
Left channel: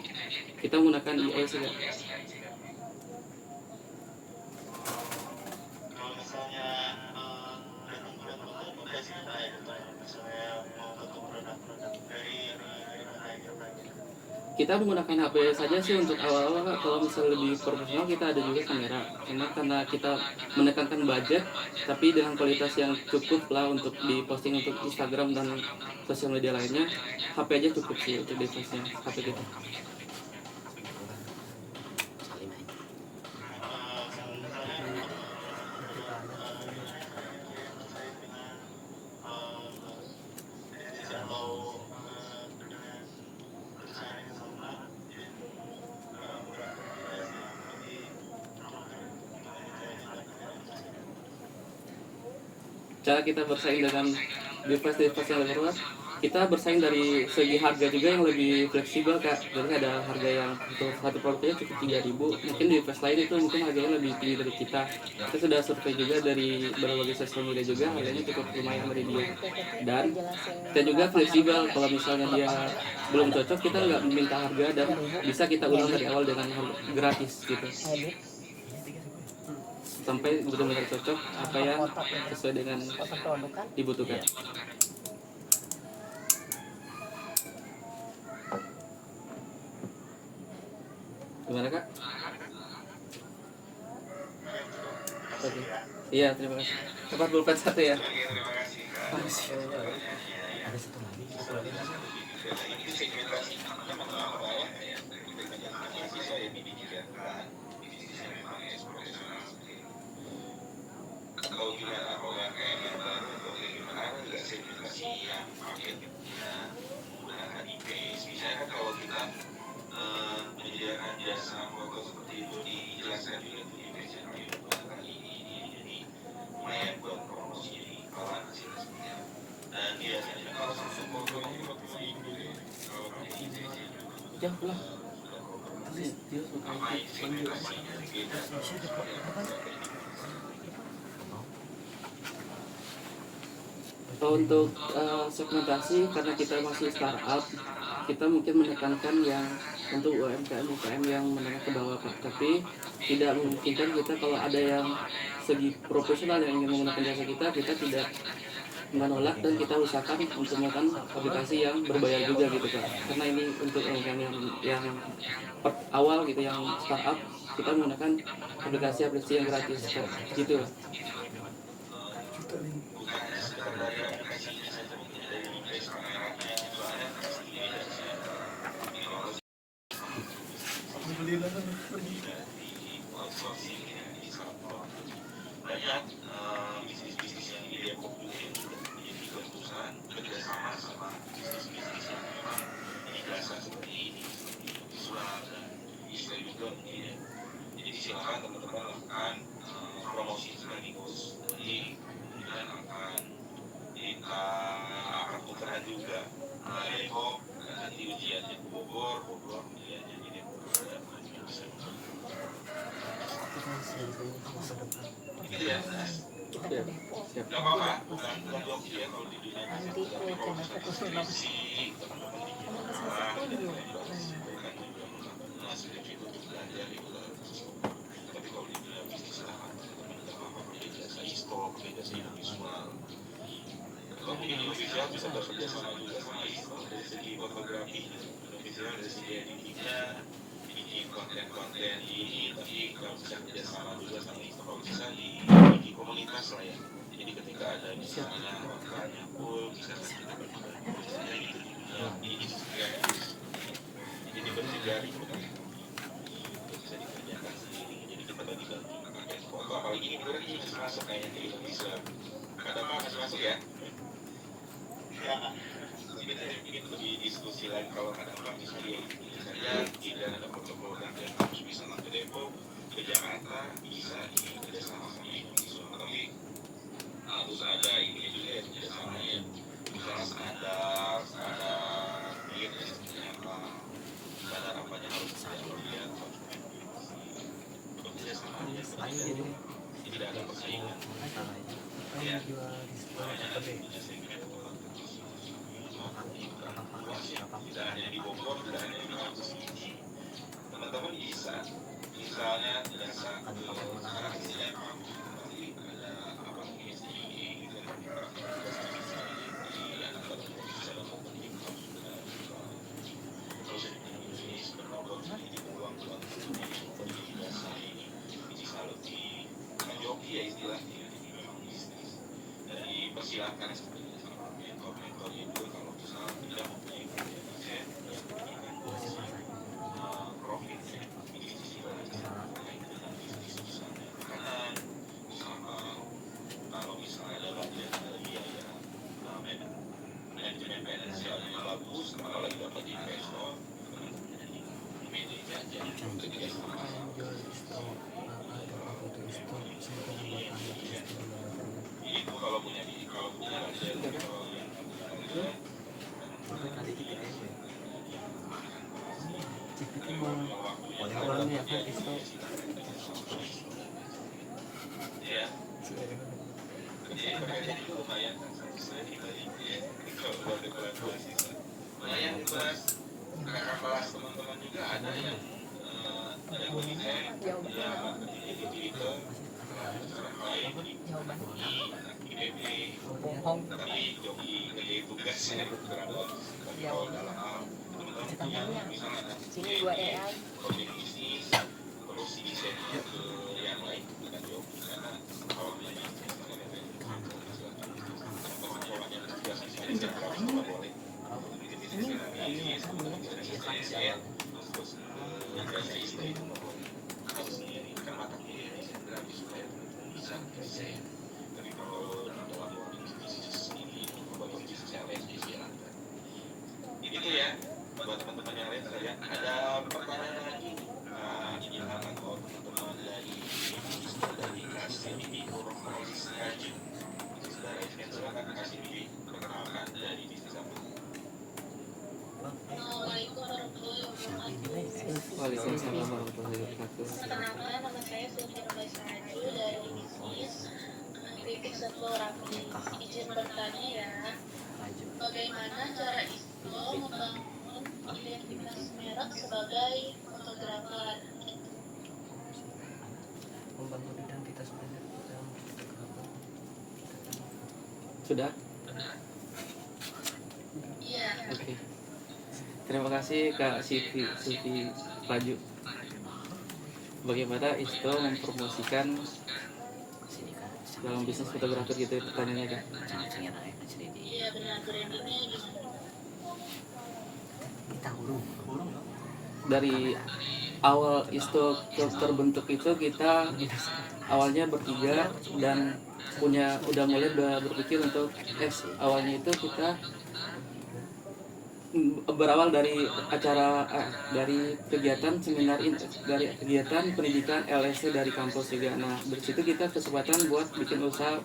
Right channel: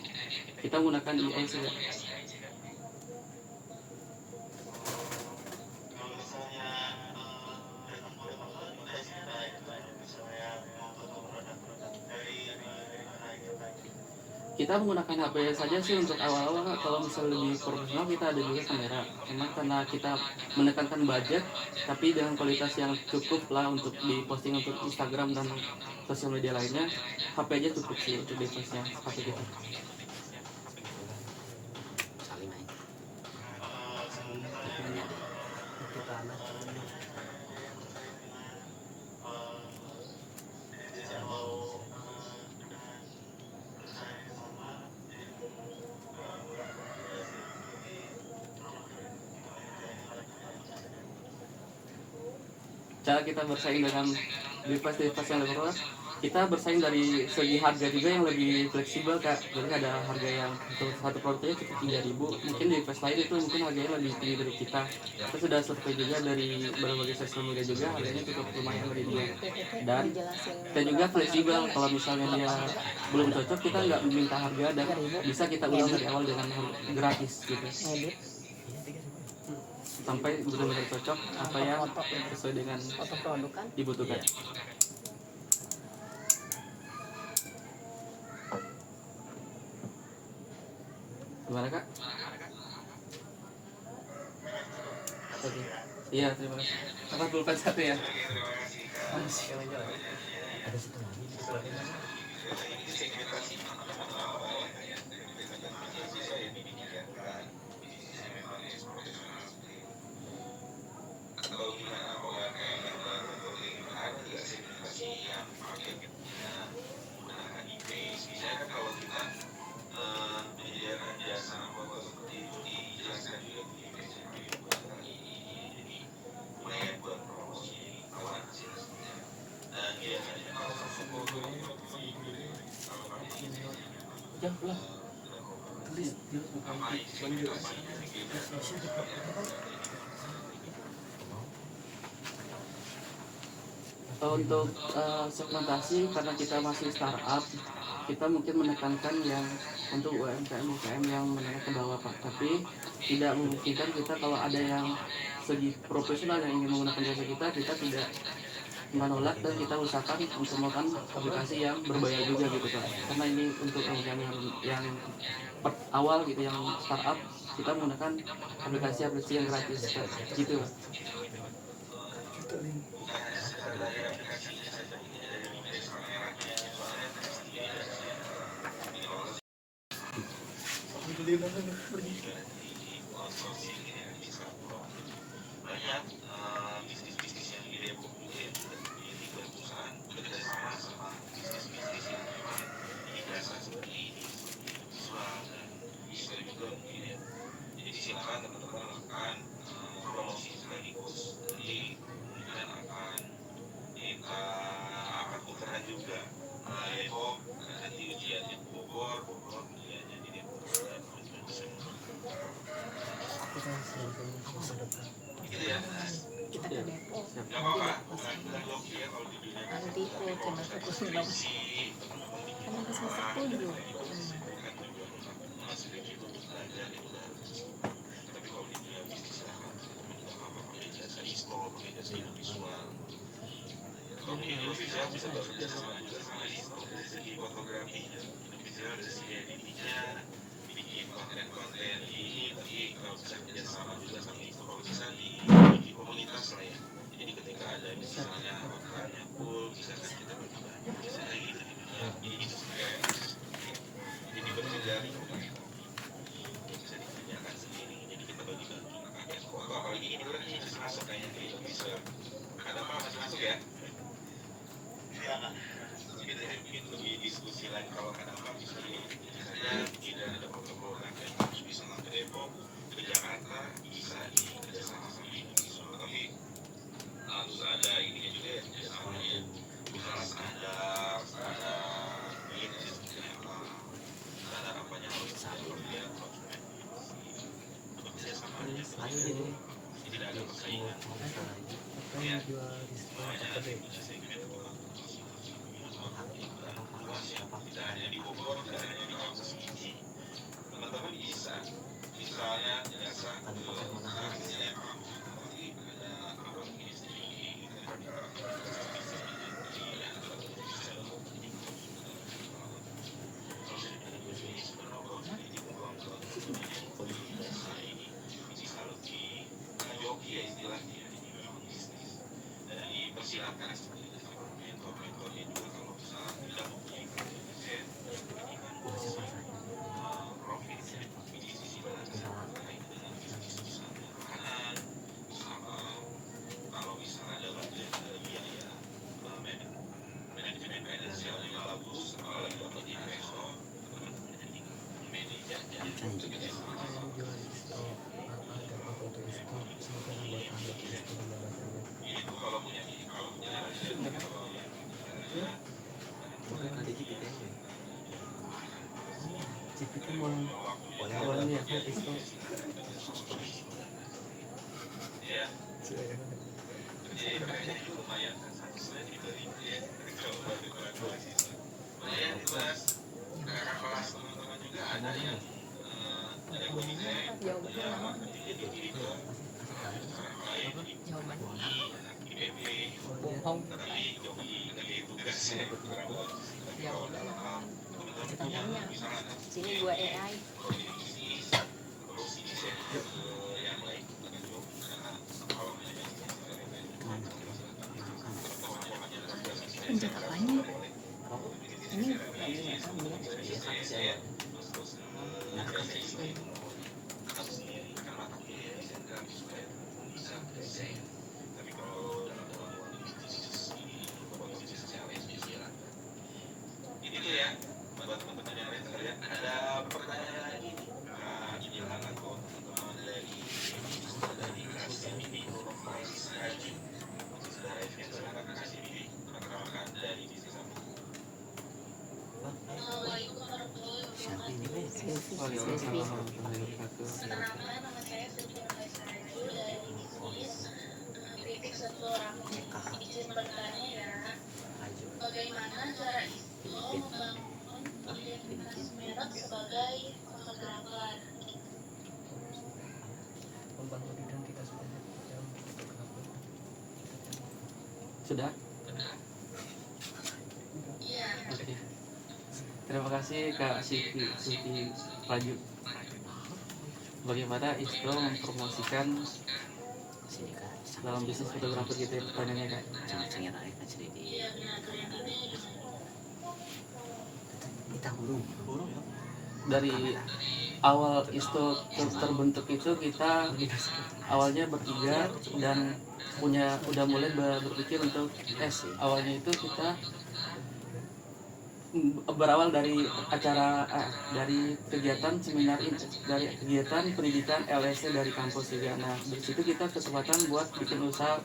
Kita menggunakan AI sih. Kita menggunakan HP saja sih untuk awal-awal. Kalau misalnya lebih profesional kita ada juga kamera. Karena kita menekankan budget, tapi dengan kualitas yang cukup lah untuk diposting untuk Instagram dan sosial media lainnya. HP aja cukup sih untuk device-nya HP kita. Cara kita bersaing dengan device-device yang lebih luas, kita bersaing dari segi harga juga yang lebih fleksibel Kak. Jadi ada harga yang untuk satu produknya cukup 3.000, mungkin device lain itu mungkin harganya lebih tinggi dari kita. Kita sudah survei juga dari berbagai sosial media juga, harganya cukup lumayan dari dia. Dan kita juga fleksibel, kalau misalnya dia belum cocok kita nggak minta harga dan bisa kita ulang dari awal dengan gratis gitu. Sampai benar-benar cocok apa yang sesuai dengan dibutuhkan. Gimana Kak? Oke. Iya, terima kasih. 41 ya. Ada satu lagi. Kalau kita OMM yang baru ada sertifikasi yang marketnya menggunakan e-base, misalnya kan kalau kita menyediakan jasa foto seperti itu dijelaskan juga di e-base yang menggunakan ini, jadi lumayan buat promosi kalau hasilnya seperti itu. Dan biasanya kalau satu foto kalau kami Ya pulang. Tulis dia bukan banjir. Untuk segmentasi, karena kita masih startup, kita mungkin menekankan yang untuk UMKM yang menengah ke bawah Pak. Tapi tidak memungkinkan kita kalau ada yang segi profesional yang ingin menggunakan jasa kita tidak menolak, dan kita usahakan untuk melakukan aplikasi yang berbayar juga gitu Pak. Karena ini untuk yang awal gitu, yang startup, kita menggunakan aplikasi yang gratis gitu. banyak bisnis-bisnis yang di Depok di tiga perusahaan kerjasama sama bisnis-bisnis yang memang dirasa seperti ini, usaha dan bisa juga mungkin. Jadi silakan teman-teman lakukan promosi sekaligus. Jadi kemudian kita akan tukarkan juga Depok nanti ujian di Bogor ya, jadi Depok dan kita ke Depok nanti ke channel fokus vlog sama ke setuju. Bohong. Jawabannya ceritanya sini gua AI. Bagaimana cara Isto membangun identitas merek sebagai fotografer? Membangun identitas merek dalam fotografer. Sudah? Iya. Oke. Terima kasih Kak Siti Raju. Bagaimana Isto mempromosikan dalam bisnis fotografer gitu ya, pertanyaannya Kak? Iya benar, brandingnya gimana? Dari awal Isto terbentuk itu kita awalnya bertiga dan udah mulai berpikir untuk awalnya itu kita berawal dari acara dari kegiatan seminar dari kegiatan pendidikan LSC dari kampus juga. Nah dari situ kita kesempatan buat bikin usaha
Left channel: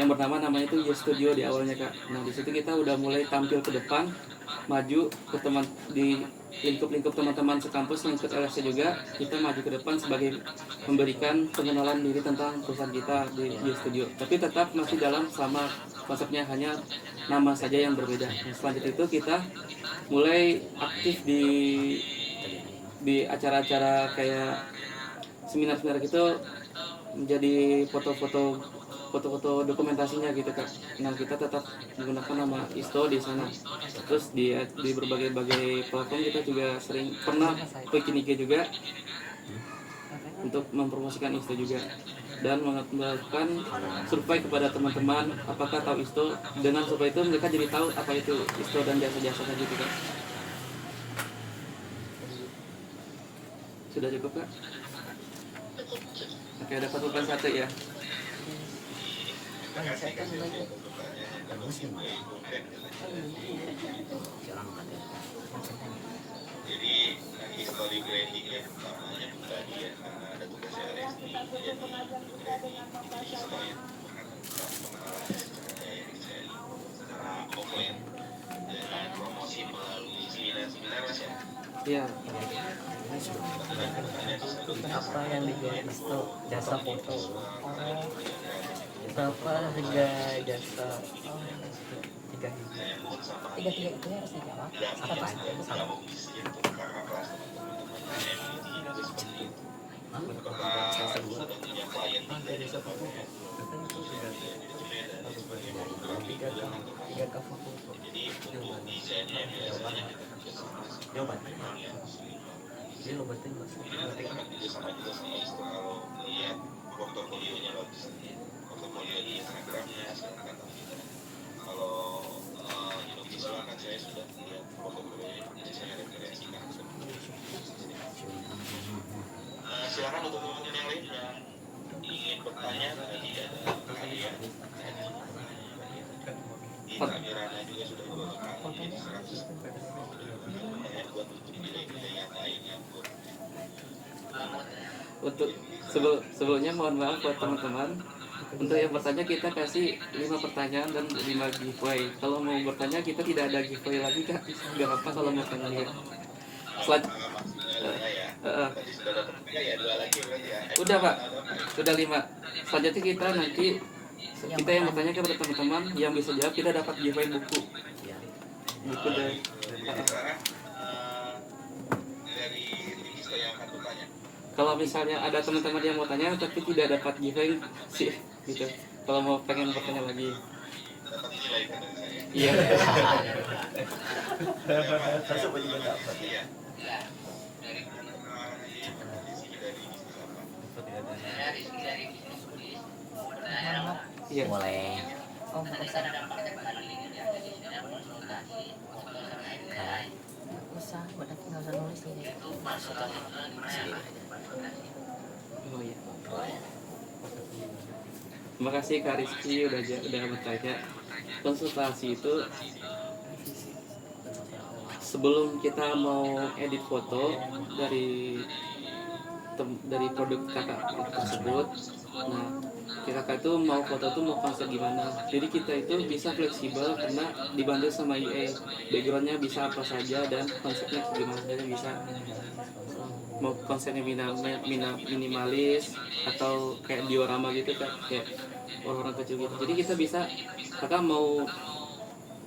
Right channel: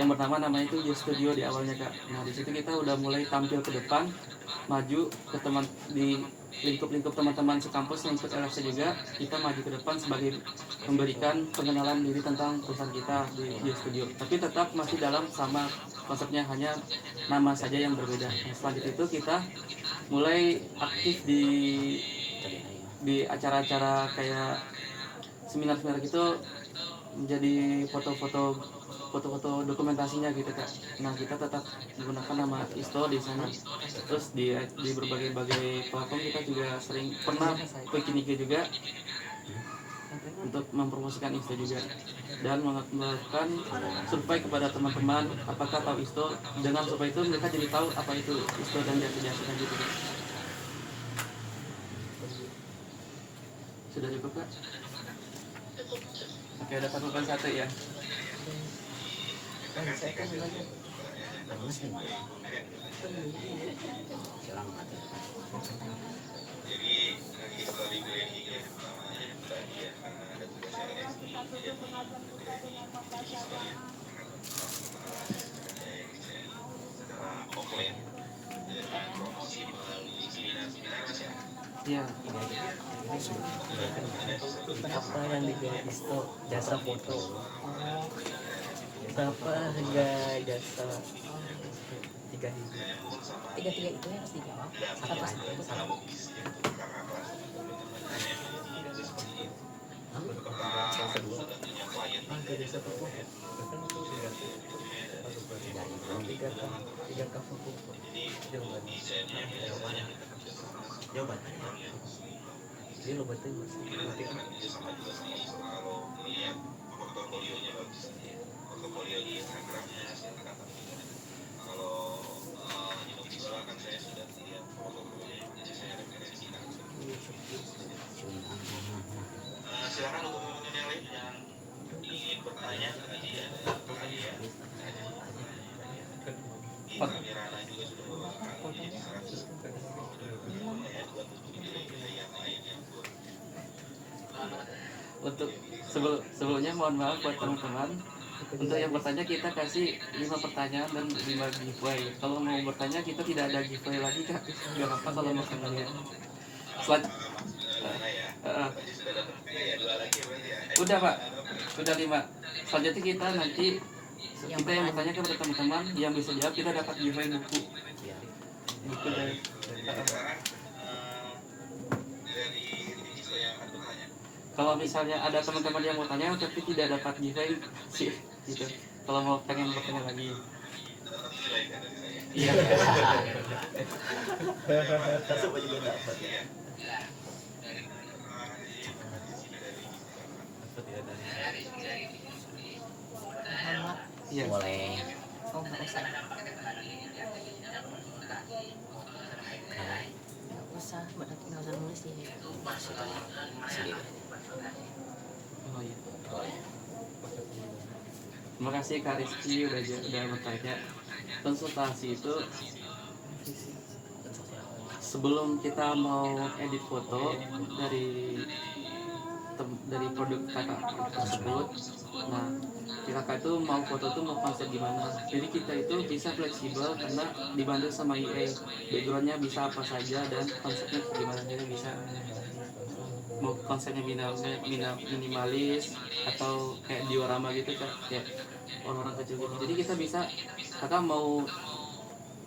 yang namanya itu J Studio di awalnya Kak. Nah di situ kita udah mulai tampil ke depan, maju ke teman di lingkup-lingkup teman-teman sekampus yang ikut LFC juga, kita maju ke depan sebagai memberikan pengenalan diri tentang perusahaan kita di studio. Tapi tetap masih dalam sama konsepnya, hanya nama saja yang berbeda. Nah, selanjutnya itu kita mulai aktif di acara-acara kayak seminar-seminar gitu, menjadi foto-foto dokumentasinya gitu Kak. Nah, kita tetap menggunakan nama ISTO di sana. Terus di berbagai platform kita juga sering pernah bikin IG juga untuk mempromosikan ISTO juga, dan melakukan survei kepada teman-teman apakah tahu ISTO. Dengan survei itu mereka jadi tahu apa itu ISTO dan jasa-jasanya gitu Kak. Sudah cukup Kak? Oke, ada pertanyaan satu ya. Saya kan lagi. Silang mati. Jadi history grading yang pertamanya tadi ya, karena ada tugasnya Resti, jadi secara offline dan promosi melalui seminar-seminar Mas ya. Iya. Apa yang dijual ISTO? Jasa foto. Berapa harga jasa? 3.000. Tiga itu harus dijawab. Satu aja, satu. Harga jasa foto. Tiga cover foto. Jawabannya Dia lo betul mas. Portofolionya bagus, portofolio di Instagramnya silakan. Kalau visual kan saya sudah lihat portofolionya, jadi saya referensikan. Silakan untuk teman-teman yang lain yang ingin bertanya tadi ya, kalian di kameranya juga sudah beberapa kali Untuk sebelumnya mohon maaf buat teman-teman. Untuk yang bertanya kita kasih 5 pertanyaan dan 5 giveaway. Kalau mau bertanya kita tidak ada giveaway lagi Kak. Gak apa kalau mau tanya. Udah Pak, sudah 5. Selanjutnya kita nanti kita yang bertanya kepada teman-teman yang bisa jawab, kita dapat giveaway buku. Buku dari kalau misalnya ada teman-teman yang mau tanya tapi tidak dapat giveaway sih gitu. Kalau mau pengen bertanya lagi. Iya. Masuk juga dapat ya. Iya. Boleh. Oh, nggak usah. Nggak usah, nggak usah nulis ini. Sendiri. Oh iya. Terima kasih Kak Rizky udah bertanya. Konsultasi itu sebelum kita mau edit foto dari produk kakak tersebut. Nah, kakak itu mau foto tuh mau konsep gimana. Jadi kita itu bisa fleksibel karena dibantu sama IE. Backgroundnya bisa apa saja dan konsepnya gimana aja bisa. Mau konsepnya minimalis atau kayak diorama gitu kan, kayak orang kecil gitu. Jadi kita bisa, kakak mau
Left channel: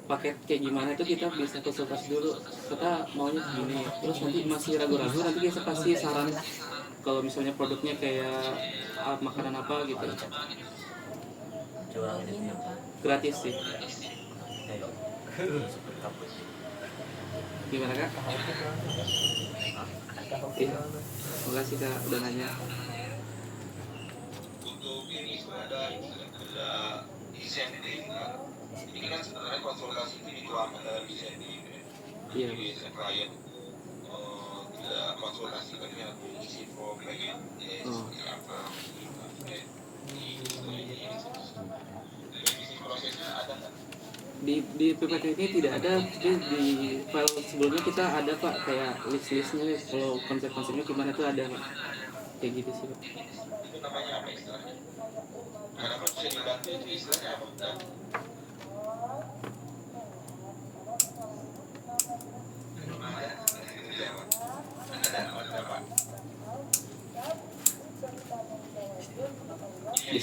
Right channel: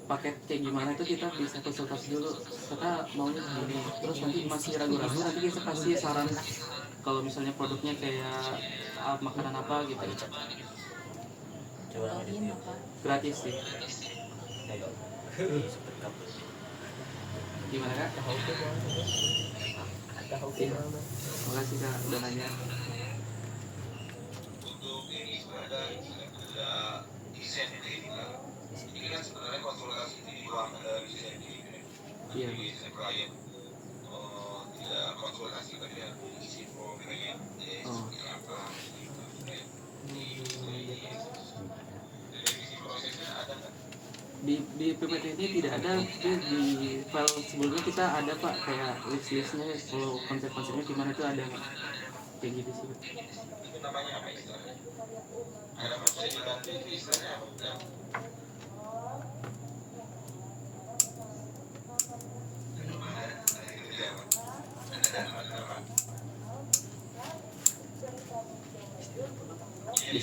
paket kayak gimana itu kita bisa konsultasi dulu. Kakak maunya gini, terus nanti masih ragu-ragu nanti kita kasih saran. Kalau misalnya produknya kayak makanan apa gitu, gratis sih. Gimana Kak? Oke, makasih Kak udah nanya. Untuk ini ada insentif. Ini kan sebenarnya konsultasi ini dikeluarkan dari insentif. Iya. Jadi klien tidak konsultasi tapi yang isi form pengen seperti apa. Di PPT ini tidak ada, tapi di file sebelumnya kita ada Pak kayak list-listnya, kalau konsep-konsepnya gimana tuh ada Pak. Kayak gitu sih Pak. Itu namanya apa istilahnya? Karena bisa dibantu itu istilahnya apa?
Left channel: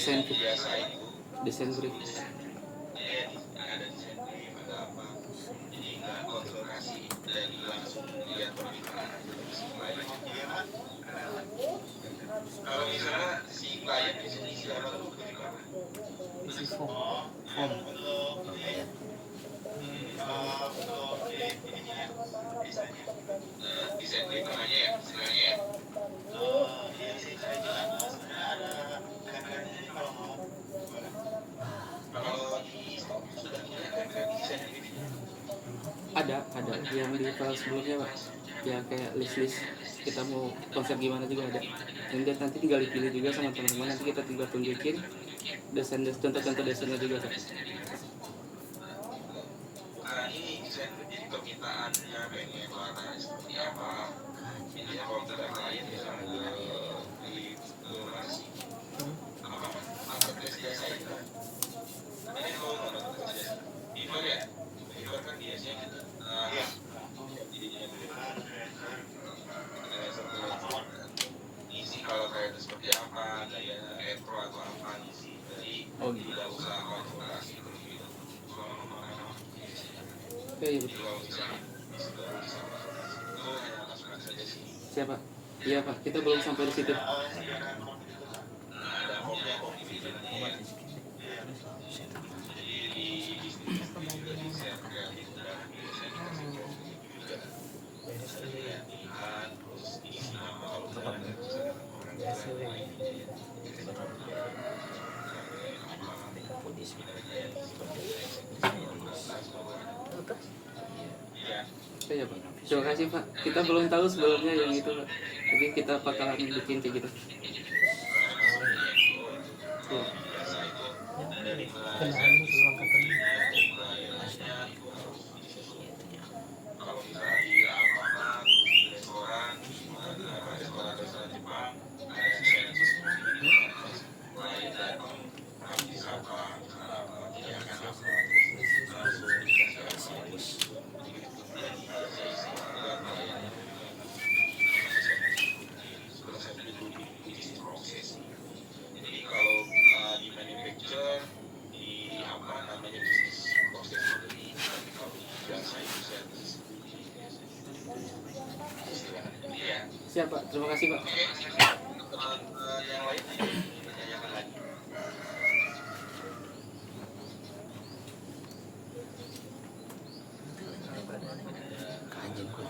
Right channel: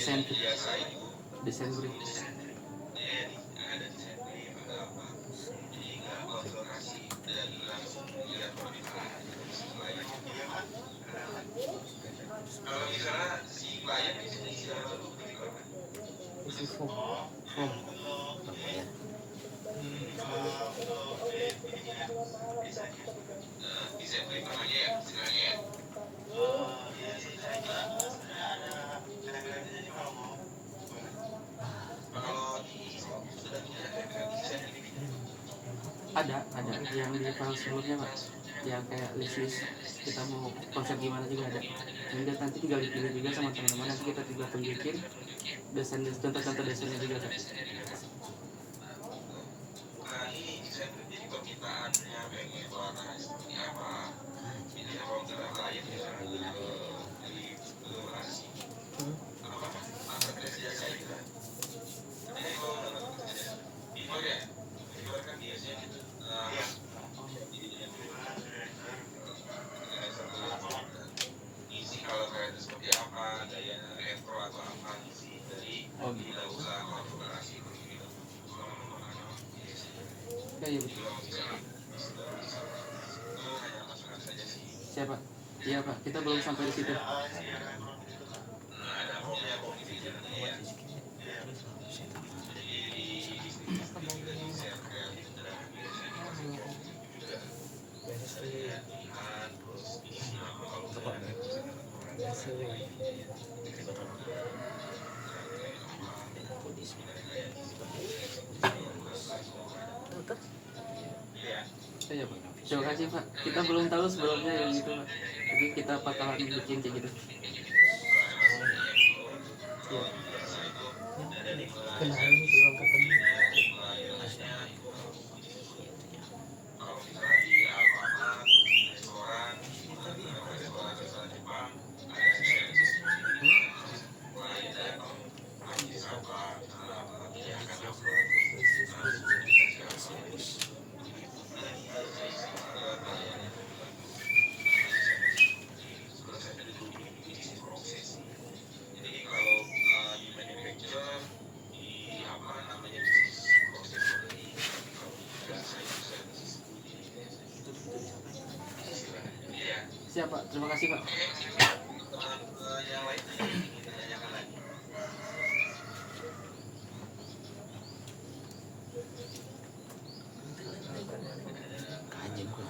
desain biasa itu desain brief. ada desain brief ada apa, jadi nggak konsultasi dan langsung lihat permintaan aja dari si klien. Kalau misalnya si klien biasanya isi apa tuh ketika Isi form. ya. desain brief namanya ya istilahnya ya. Kalau di sudah punya desain brief Ada yang di file sebelumnya Pak, yang kayak list kita mau konsep gimana juga ada. Dan nanti tinggal dipilih juga sama teman-teman, nanti kita tinggal tunjukin desain contoh-contoh desainnya juga Pak. nah ini desain brief jadi permintaannya pengen warna seperti apa, biasanya kalau misalnya klien bilang di lokasi marketplace jasa itu. Tapi kalau marketplace jasa Fiverr ya, Fiverr kan biasanya isi kalau kayak itu seperti apa, gaya retro atau apa isi dari Oh gitu. tidak usah konfigurasi Ya, iya betul. Siapa? Iya Pak, kita belum sampai di situ. Ya Pak. Terima kasih Pak. Kita belum tahu sebelumnya yang itu Pak. Jadi kita bakalan bikin kayak gitu. Ya. Jadi kalau di manufacture di apa namanya bisnis proses ini kalau di jasa itu service. Iya. Siap Pak. Terima kasih Pak. Yang lain ditanyakan lagi. Anjing gue.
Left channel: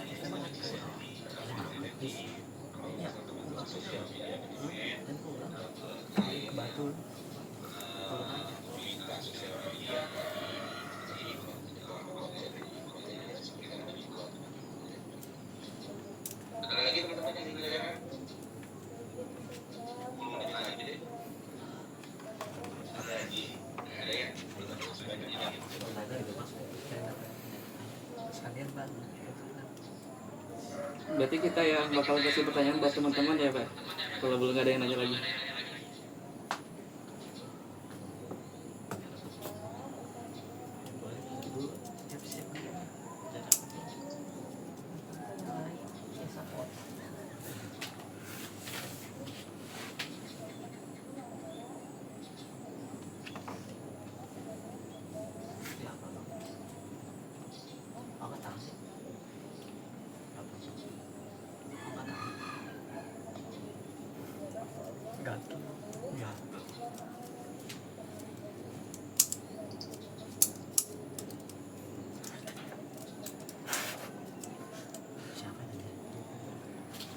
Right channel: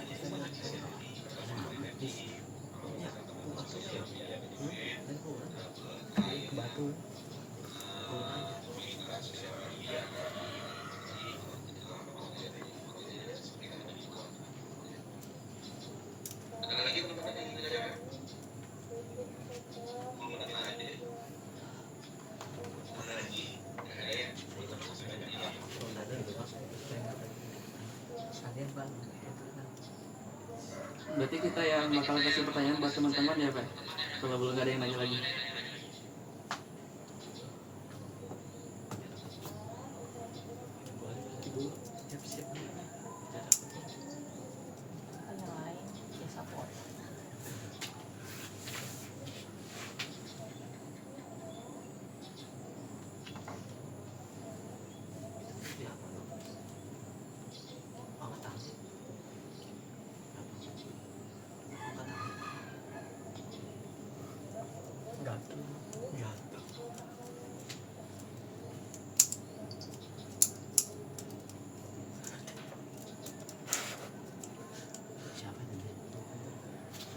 Ada lagi teman-teman yang ditanyakan? 10 menit lagi deh. Ada lagi? Ada ya? Berarti kita yang bakal kasih pertanyaan buat teman-teman ya Pak. Kalau belum ada yang nanya lagi.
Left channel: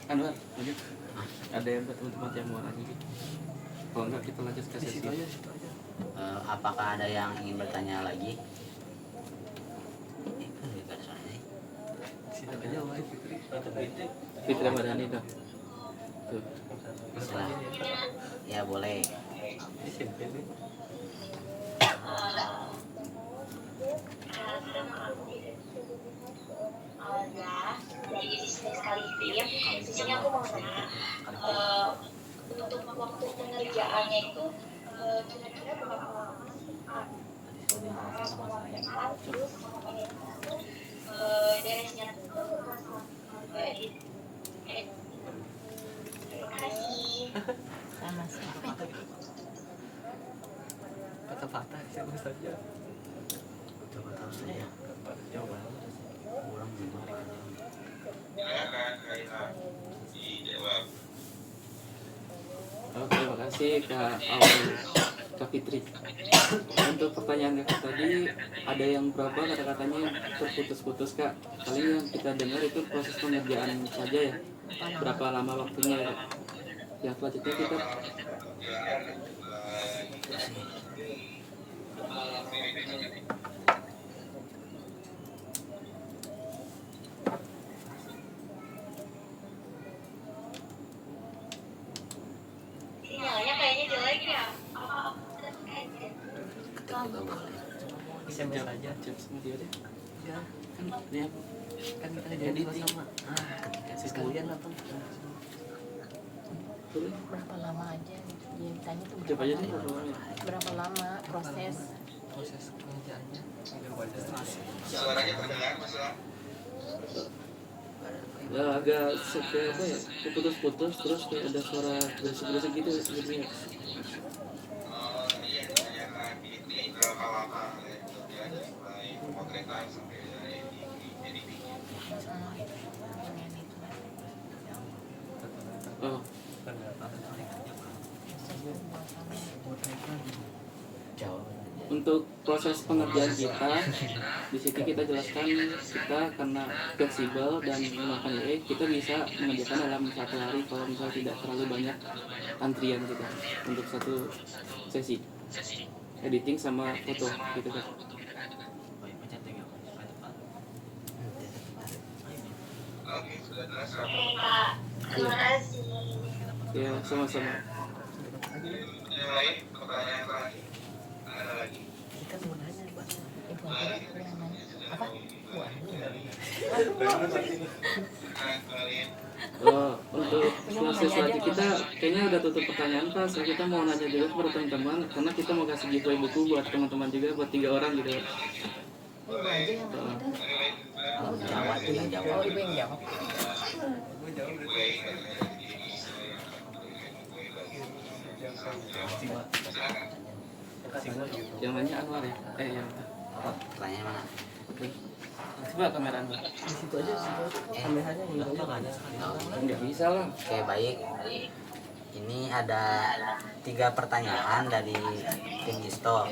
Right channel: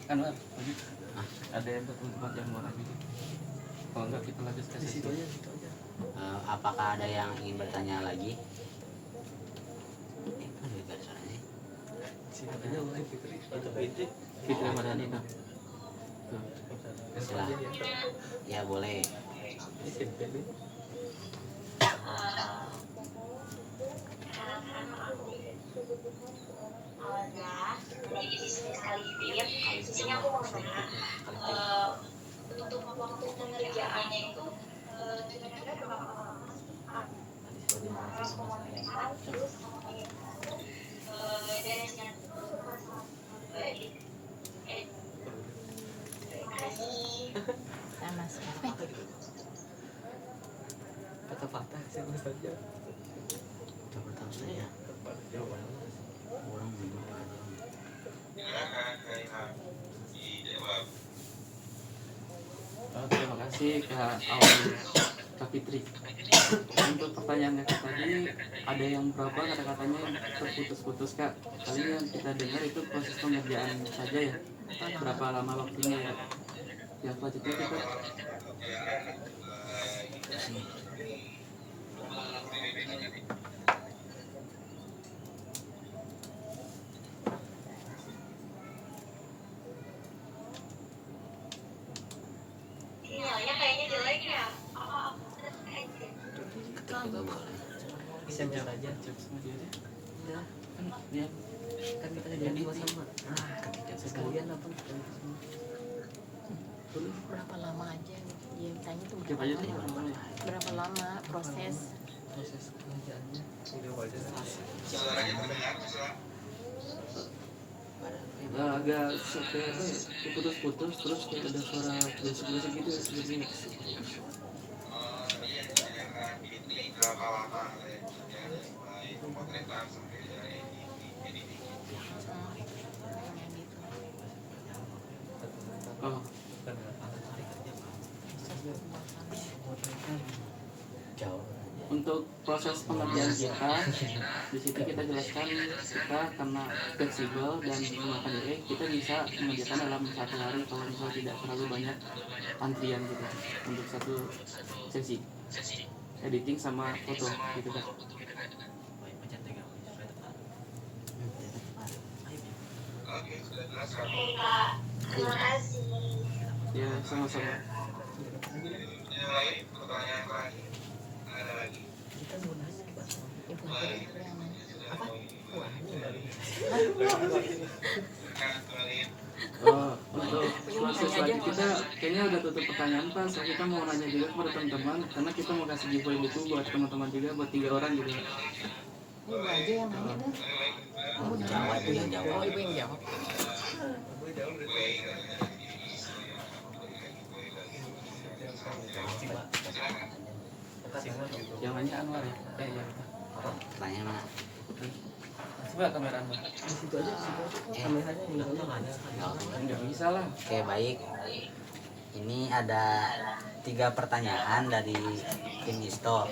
Anwar, ini ada yang tempat yang mau lagi. Kalau enggak kita lanjut ke sesi. Apakah ada yang ingin bertanya lagi? Kan lebih pada soalnya nih. Fitri Ramadhani Kak. Tuh. Silah. Ya boleh. Jadi bisnis sekali tim, sisanya aku mau tanya untuk waktu pengerjaannya itu kira-kira berapa lama sih? Beresnya tuh terima kasih. Sama siapa? patah-patah siapa saja. Coba tahu saya. Jawabannya Orang gimana? Silakan Raihan dijawab. Terima kasih Kak Aul, Kak Fitri. Untuk pertanyaan Kak tadi, ada yang berapa kata-katanya yang terputus-putus Kak? Paling yang kita dengar itu proses pengerjaan saja ya. Berapa lama waktunya ya? Yang selanjutnya kita Sinyalnya kayaknya jelek ya. Juga boleh. SMS aja. cek sama dia deh. Ya, Kan dia kan kita jadi sama. Ketika Sekalian apa? Berapa lama aja dia tanya tuh coba aja deh. berapa lama proses Proses pengerjaannya. Suaranya terdengar Mas. Agak kayak apa ya? Putus-putus terus kayak ada suara berisik-berisik gitu sebenarnya. Dia ditanyakan ini berapa lama ya dari mulai pemotretan sampai dari editing. Oh, Jawab. untuk proses pengerjaan kita di sini kita jelaskan kita karena fleksibel dan menggunakan AI kita bisa mengerjakan dalam satu hari kalau misalnya tidak terlalu banyak antrian kita untuk satu sesi editing sama foto gitu kan. Baik, pencet tinggal supaya tepat. Oke, sudah jelas. Pak, terima kasih. Ya sama-sama. Yang lain pertanyaan terakhir. Ada lagi? Kita mau nanya, Pak. ibu aku apa Untuk proses lagi kita kayaknya udah tutup pertanyaan Pak. So, kita mau nanya juga kepada teman-teman karena kita mau kasih giveaway buku buat teman-teman juga buat 3 orang gitu. ibu aja yang nanya dah Jawab juga jawab. oh ibu yang jawab Yang nanya Anwar ya? Ya. Pertanyaan mana? Coba kamera Anwar. Di situ aja, kameranya yang Nggak bisa lah. Oke, baik. Ini ada 3 pertanyaan dari tim Isto.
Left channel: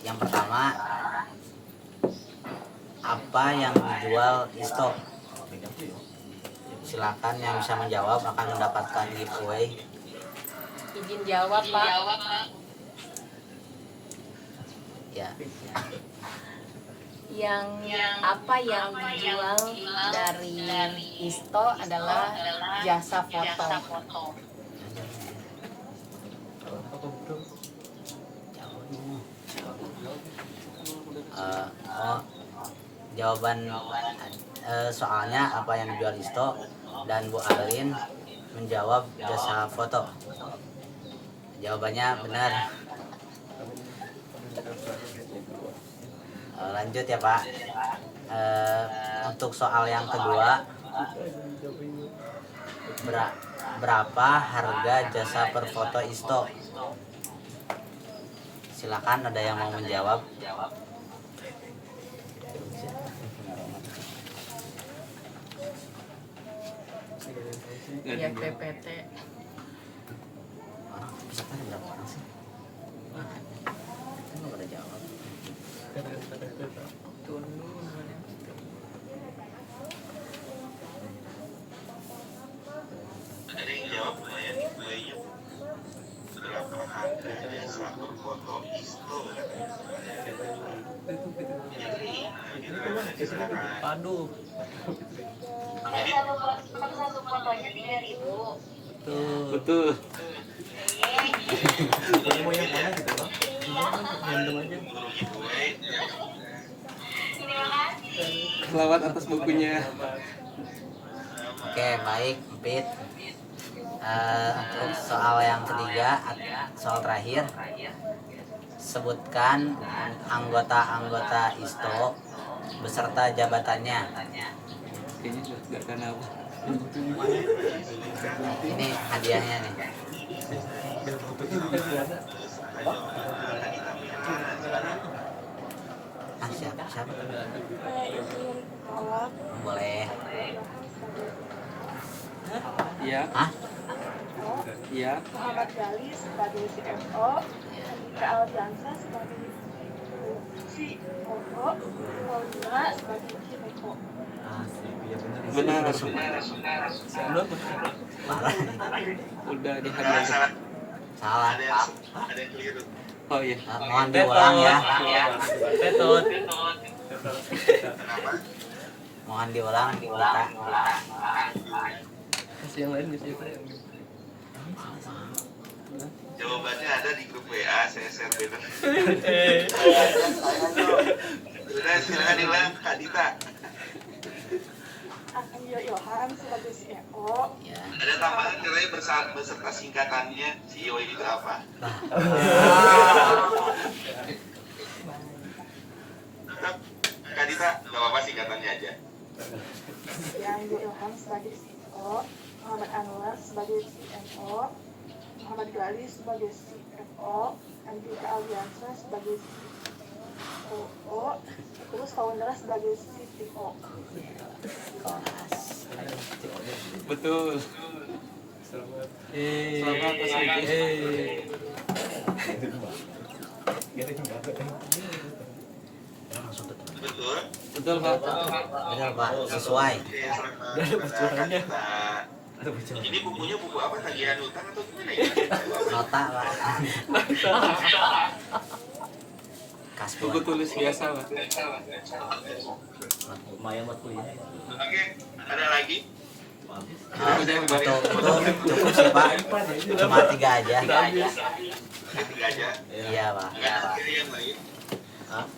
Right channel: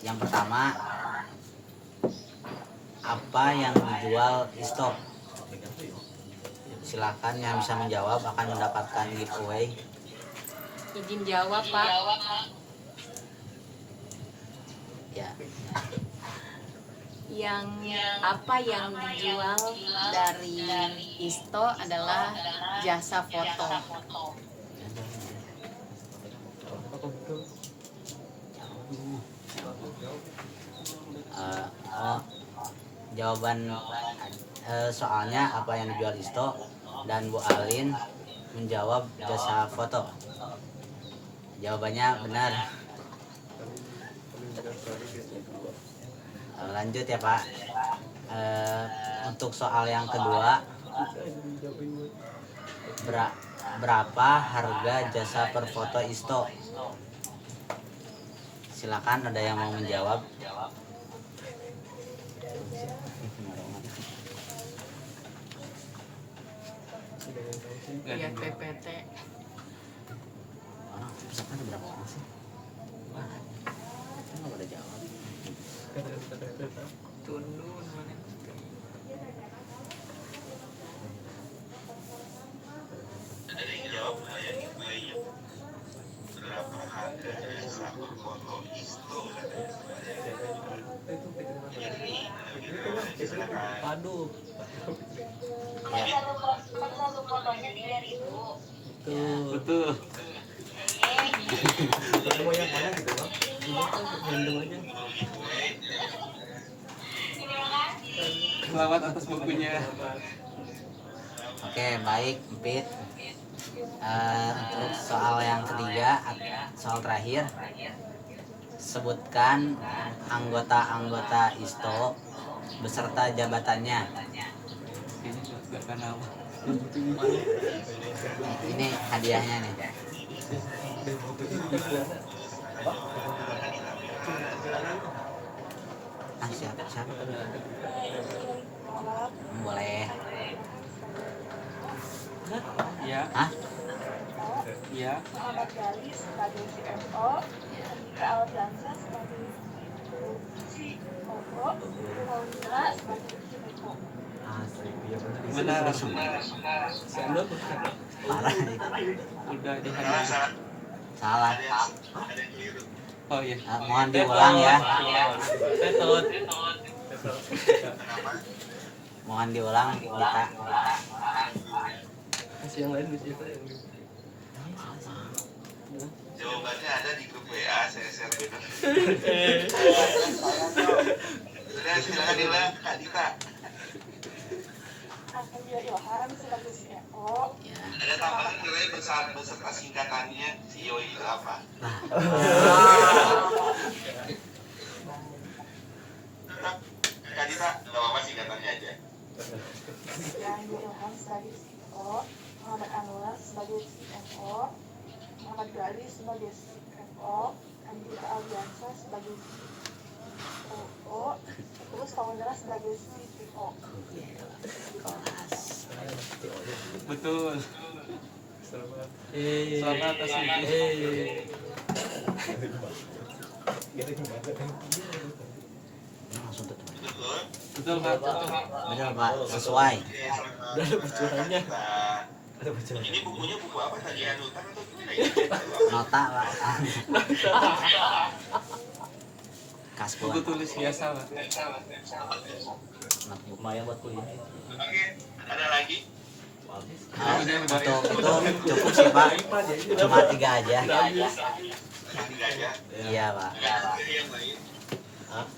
Yang pertama, apa yang dijual Isto? Silakan yang bisa menjawab akan mendapatkan giveaway. izin jawab Pak Ya, yang apa yang dijual dari Isto adalah jasa foto. jawaban soalnya apa yang dijual Isto dan Bu Alin menjawab jasa foto. Jawabannya benar. Lanjut ya Pak. Untuk soal yang kedua, berapa harga jasa per foto Isto? Silakan ada yang mau menjawab. Lihat PPT Orang pesertanya berapa orang sih? Kita nggak boleh jawab. Tunu namanya. Ada yang jawab saya iya. Berapa harga satu foto Isto? Aduh. Makanya satu fotonya 3.000. Betul. Mau yang mana gitu Bang? Random aja. Selamat atas bukunya. Oke, baik, Empit. Untuk soal yang ketiga, soal terakhir, sebutkan anggota-anggota Isto beserta jabatannya. Ini nggak kenal. Ini hadiahnya nih. Siapa? izin kolab Boleh. Iya. Hah? Iya. Muhammad Gali sebagai CFO, Andika Aldiansa sebagai COO, Paulina sebagai CMO. Benar. Udah semua. Sandal Parah. udah dihamil. Salah. Ada yang keliru. Oh iya. Mohon diulang ya. Tetot. Mohon diulang, Dita. Kasih yang lain bisa apa yang Jawabannya ada di grup WA, saya share bebas. Sudah, silakan diulang, Kak Dita. Anggia Ilham sebagai CFO, Ya. Ada tambahan nilai beserta singkatannya CEO itu apa? Tetap, Kak Dita, nggak apa-apa singkatannya aja. Anggia Ilham sebagai CFO, Muhammad Anwar sebagai CMO, Muhammad Gali sebagai CFO, Andika Aldiansa sebagai COO, terus Paulina sebagai CTO. betul. Selamat atas Langsung tutup. Betul? betul Pak. Betul, Pak. Sesuai. Udah ada bocorannya. Ini bukunya buku apa? Tagihan utang atau gimana ya? Nota, Pak. Kasbon. Buku tulis biasa Pak. Lumayan buat kuliah. Oke, ada lagi? Untuk itu cukup sih, Pak. Cuma 3 aja. Tiga aja. Iya, Pak. Ada yang lain?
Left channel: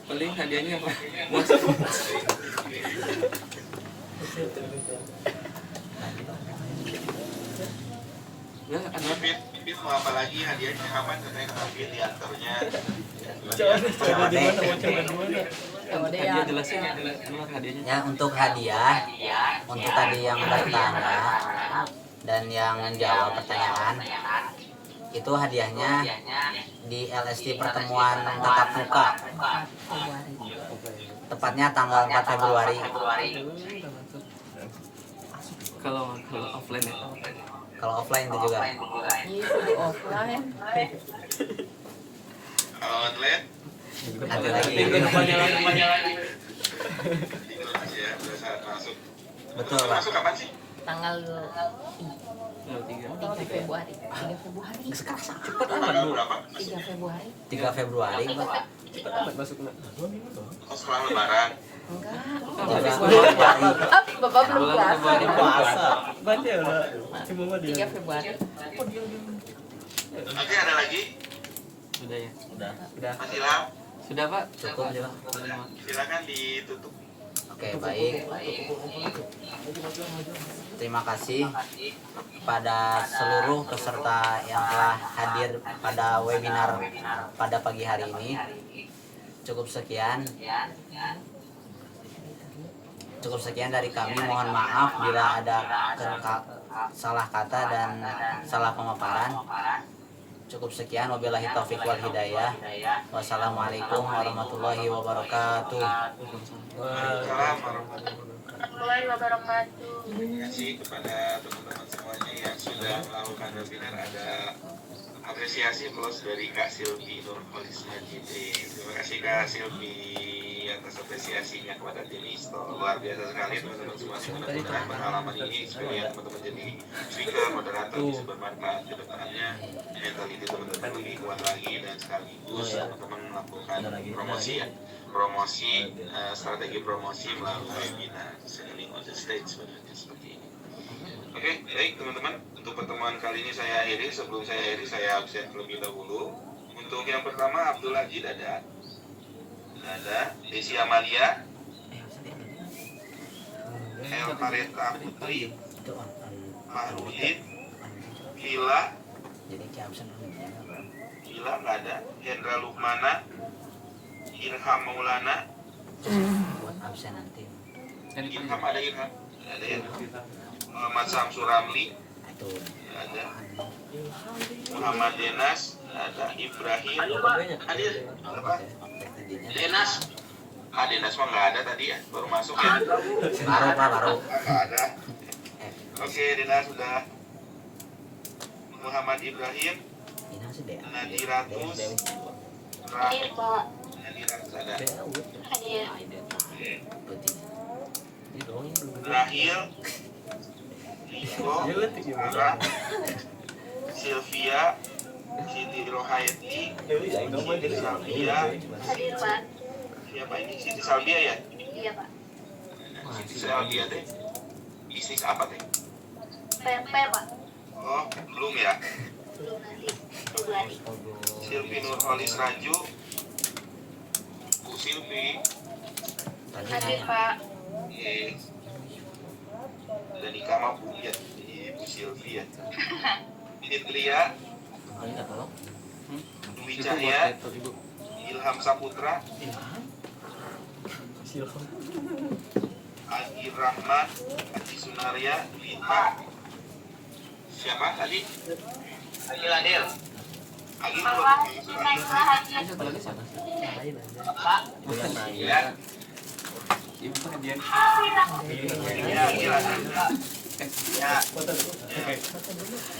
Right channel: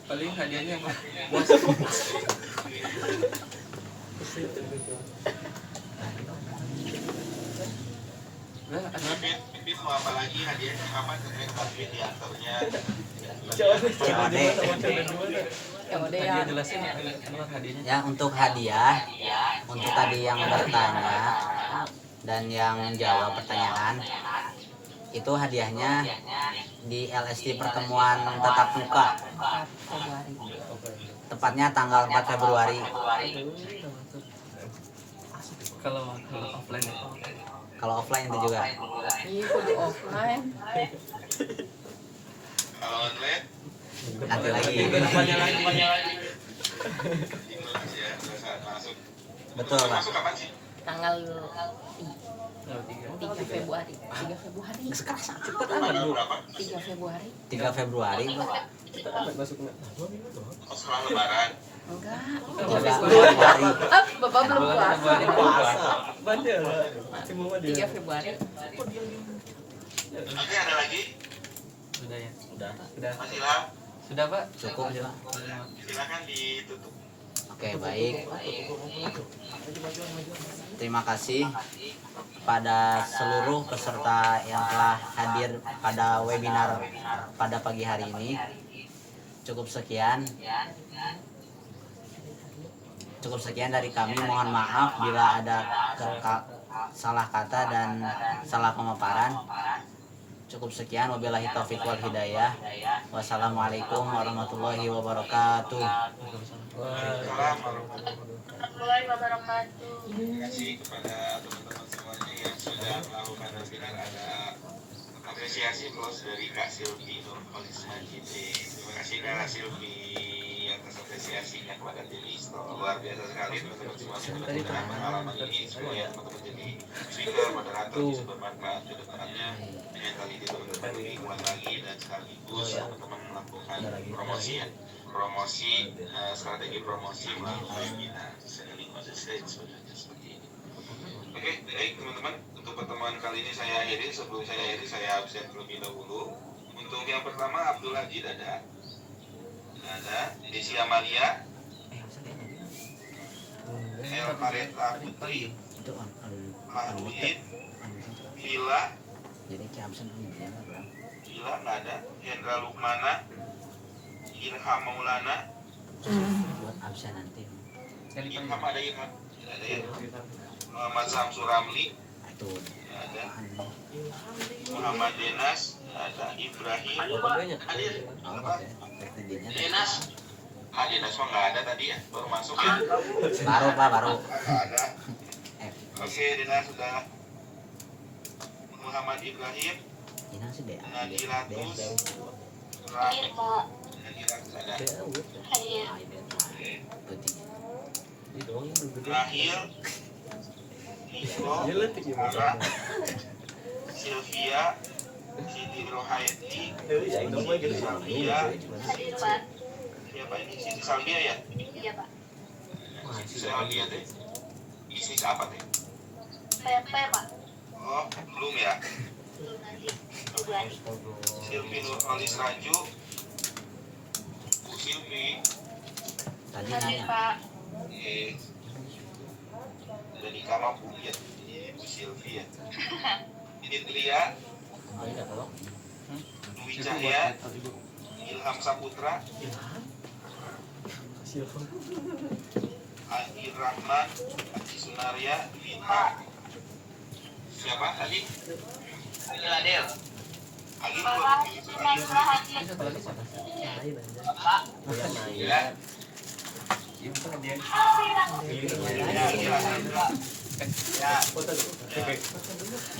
Paling hadiahnya Pak. Nah, ada Pipit mau apa lagi? Hadiahnya kapan? Katanya Pipit diantarnya. hadiah jelasin keluar hadiahnya. Ya, untuk hadiah, untuk tadi yang bertanya dan yang menjawab pertanyaan, itu hadiahnya di LSD pertemuan tatap muka. Tepatnya tanggal 4 Februari. Kalau offline ya. Kalau offline itu juga. Itu di offline. Kalau online? Nanti lagi. Minggu depannya lagi. Ya, udah masuk. Betul, Pak. Masuk kapan sih? Tanggal Oh, 3. 3 Februari. 3 Februari. Sekarang Cepet amat Bu. 3 Februari. 3 Februari, Pak. Cepet amat masuknya. Oh, setelah lebaran. Enggak. 3 Februari. Bapak belum puasa. Puasa. Banyak lah. Cuma mah dia. 3 Februari. Oke, ada lagi? Sudah ya. Udah. Sudah. Silakan. Sudah Pak. Cukup aja, Pak. Silakan ditutup. Oke, baik. Terima kasih pada seluruh peserta yang telah hadir pada webinar pada pagi hari ini. Cukup sekian. Cukup sekian dari kami. Mohon maaf bila ada salah kata dan salah pemaparan. Cukup sekian. Wabillahi taufiq wal hidayah. Wassalamualaikum warahmatullahi wabarakatuh. Warahmatullahi wabarakatuh. Terima kasih kepada teman-teman semuanya yang sudah melakukan webinar. Ada apresiasi plus dari Kak Silvi Nurholis Majidi. Terima kasih Kak Silvi atas apresiasinya kepada tim ISTO. Luar biasa sekali teman-teman semuanya. Mudah-mudahan pengalaman ini supaya teman-teman jadi speaker, moderator bisa bermanfaat ke depannya. Mentality teman-teman lebih kuat lagi dan sekaligus teman-teman melakukan promosi ya. Strategi promosi melalui webinar selling on the stage seperti ini. Oke, baik teman-teman, untuk pertemuan kali ini saya akhiri. Sebelum saya akhiri, saya absen terlebih dahulu. Untuk yang pertama, Abdul Haji ada Desi Amalia, El Mareta Putri, Pak Ruhid, Vila nggak ada, Hendra Lukmana, Ilham Maulana, Buat absen nanti. Ilham ada Ilham, ada ya. Muhammad Samsul Ramli, Itu. ada Muhammad Denas, ada Ibrahim, Banyak. Hadir, Apa? Teknik Denas, Dinas mah nggak ada tadi ya, baru masuk ya. Baru Pak, baru. Nggak ada. Oke, Dinas sudah. Muhammad Ibrahim, Ini sih deh. Nadiratus, Hadir Pak. Nadiratus ada. Hadir. Putih. Itu doang yang belum gede. Rahil, Iko, Dia letik ya, Mas. Farah, Sylvia, Siti Rohaiti, Ya, itu mah gitu. Salvia. Hadir Pak. Siapa ini? Siti Salvia ya? Iya Pak. Siti Salvia teh. Isis apa teh? PMP Pak. Oh, belum ya. Belum nanti. Itu hari. Silvi Nurholis Raju, Bu Silvi, Tadi Hadir nanya. Pak. dari kamar Bu ya, Bu Silvi ya. Fitria, Dwi Cahya, Ilham Saputra, Adi Rahman, Adi Sunaria, Lita. Siapa tadi? Adil. Adil Bapak Sunaiklah hadir. Ya. Ya.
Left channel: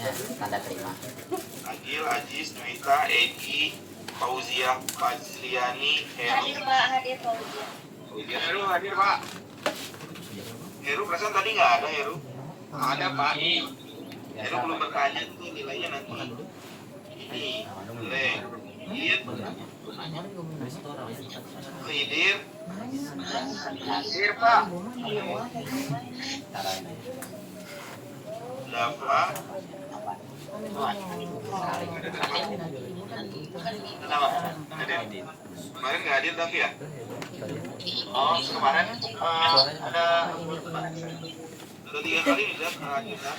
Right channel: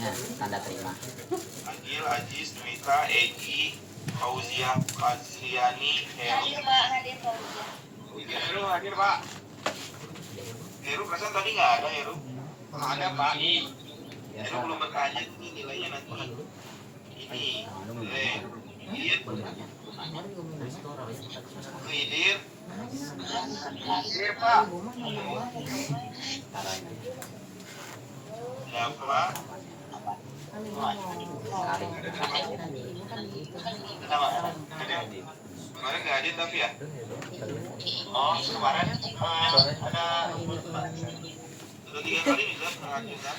Ya, tanda terima. Agil, Aziz, Dwita, Egi, Fauzia, Fazliani, Heru. Hadir Pak. Hadir Pak. Heru hadir Pak. Heru perasaan tadi nggak ada Heru. Ada Pak. Heru belum bertanya tuh nilainya nanti. Ini. Iya. Hidir. Hidir Pak. Dafa. Kemarin nggak hadir tapi ya? Oh, kemarin ada 3 kali juga nggak hadir kan?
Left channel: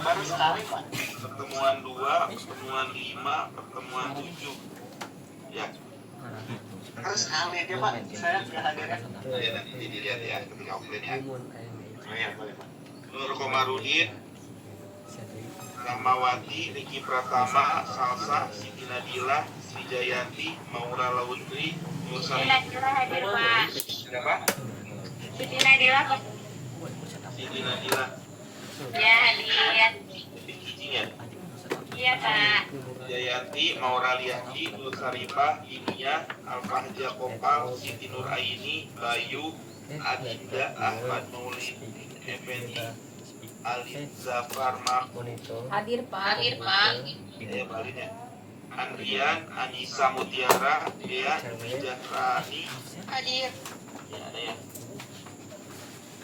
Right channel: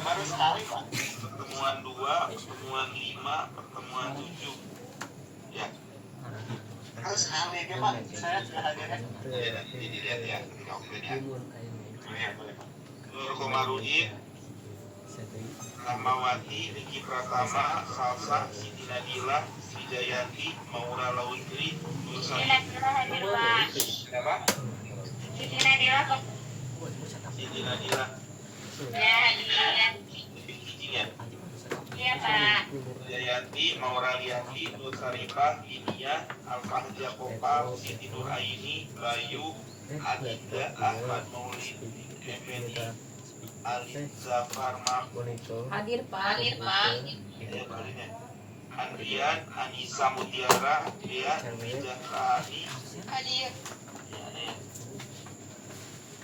Baru sekali Pak. Pertemuan 2, pertemuan 5, pertemuan 7. Ya. Harus sekali aja Pak. Saya sudah hadir kan? Nanti dilihat ya. Nur Komarudin, Rahmawati, Riki Pratama, Salsa, Siti Nadila, Sri Jayanti, Maura Lawitri, Nur Siti Sari. Nadila hadir Pak. Siapa? Siti Nadila Pak. Siti Nadila. Ya hadir. Bijinya. Iya Pak. Jayanti, Maura Liati, Nur Saripah, Inia, Al-Fahja Kopal, Siti Nur Aini, Bayu, Adinda, Ahmad Maulid, Effendi, Ali Zafar Mahmud. Hadir Pak. Hadir Pak. Ya, bolehnya. Andrian, Anissa Mutiara, Dea, Wijahrani, Hadir. ya ada ya.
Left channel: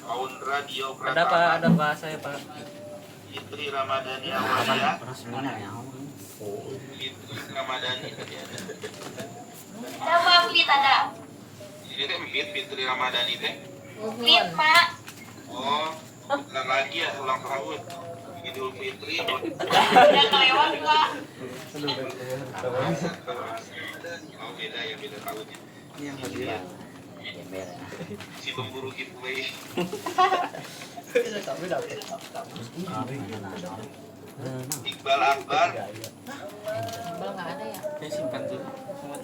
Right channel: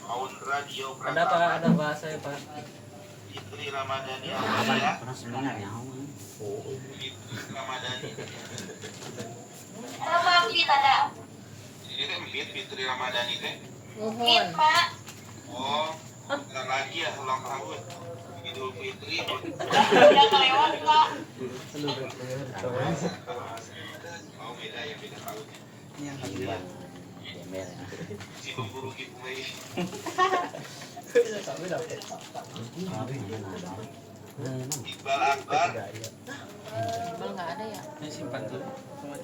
Aundra Dio Ada Pak, ada Pak, saya Pak. Fitri Ramadhani Apa Amelia, pernah seminar ya? Fitri Ramadhani. Ada Pak. Fit ada. Ini kan Fitri Ramadhani teh. Fit Pak. Oh, bentar lagi ya ulang tahun. Idul Fitri. Udah kelewat Pak. Oh beda ya, beda tahunnya. Gembel ya. Si pemburu gitu nih. Iqbal Akbar, Bal nggak ada ya. Ini simpan tuh sama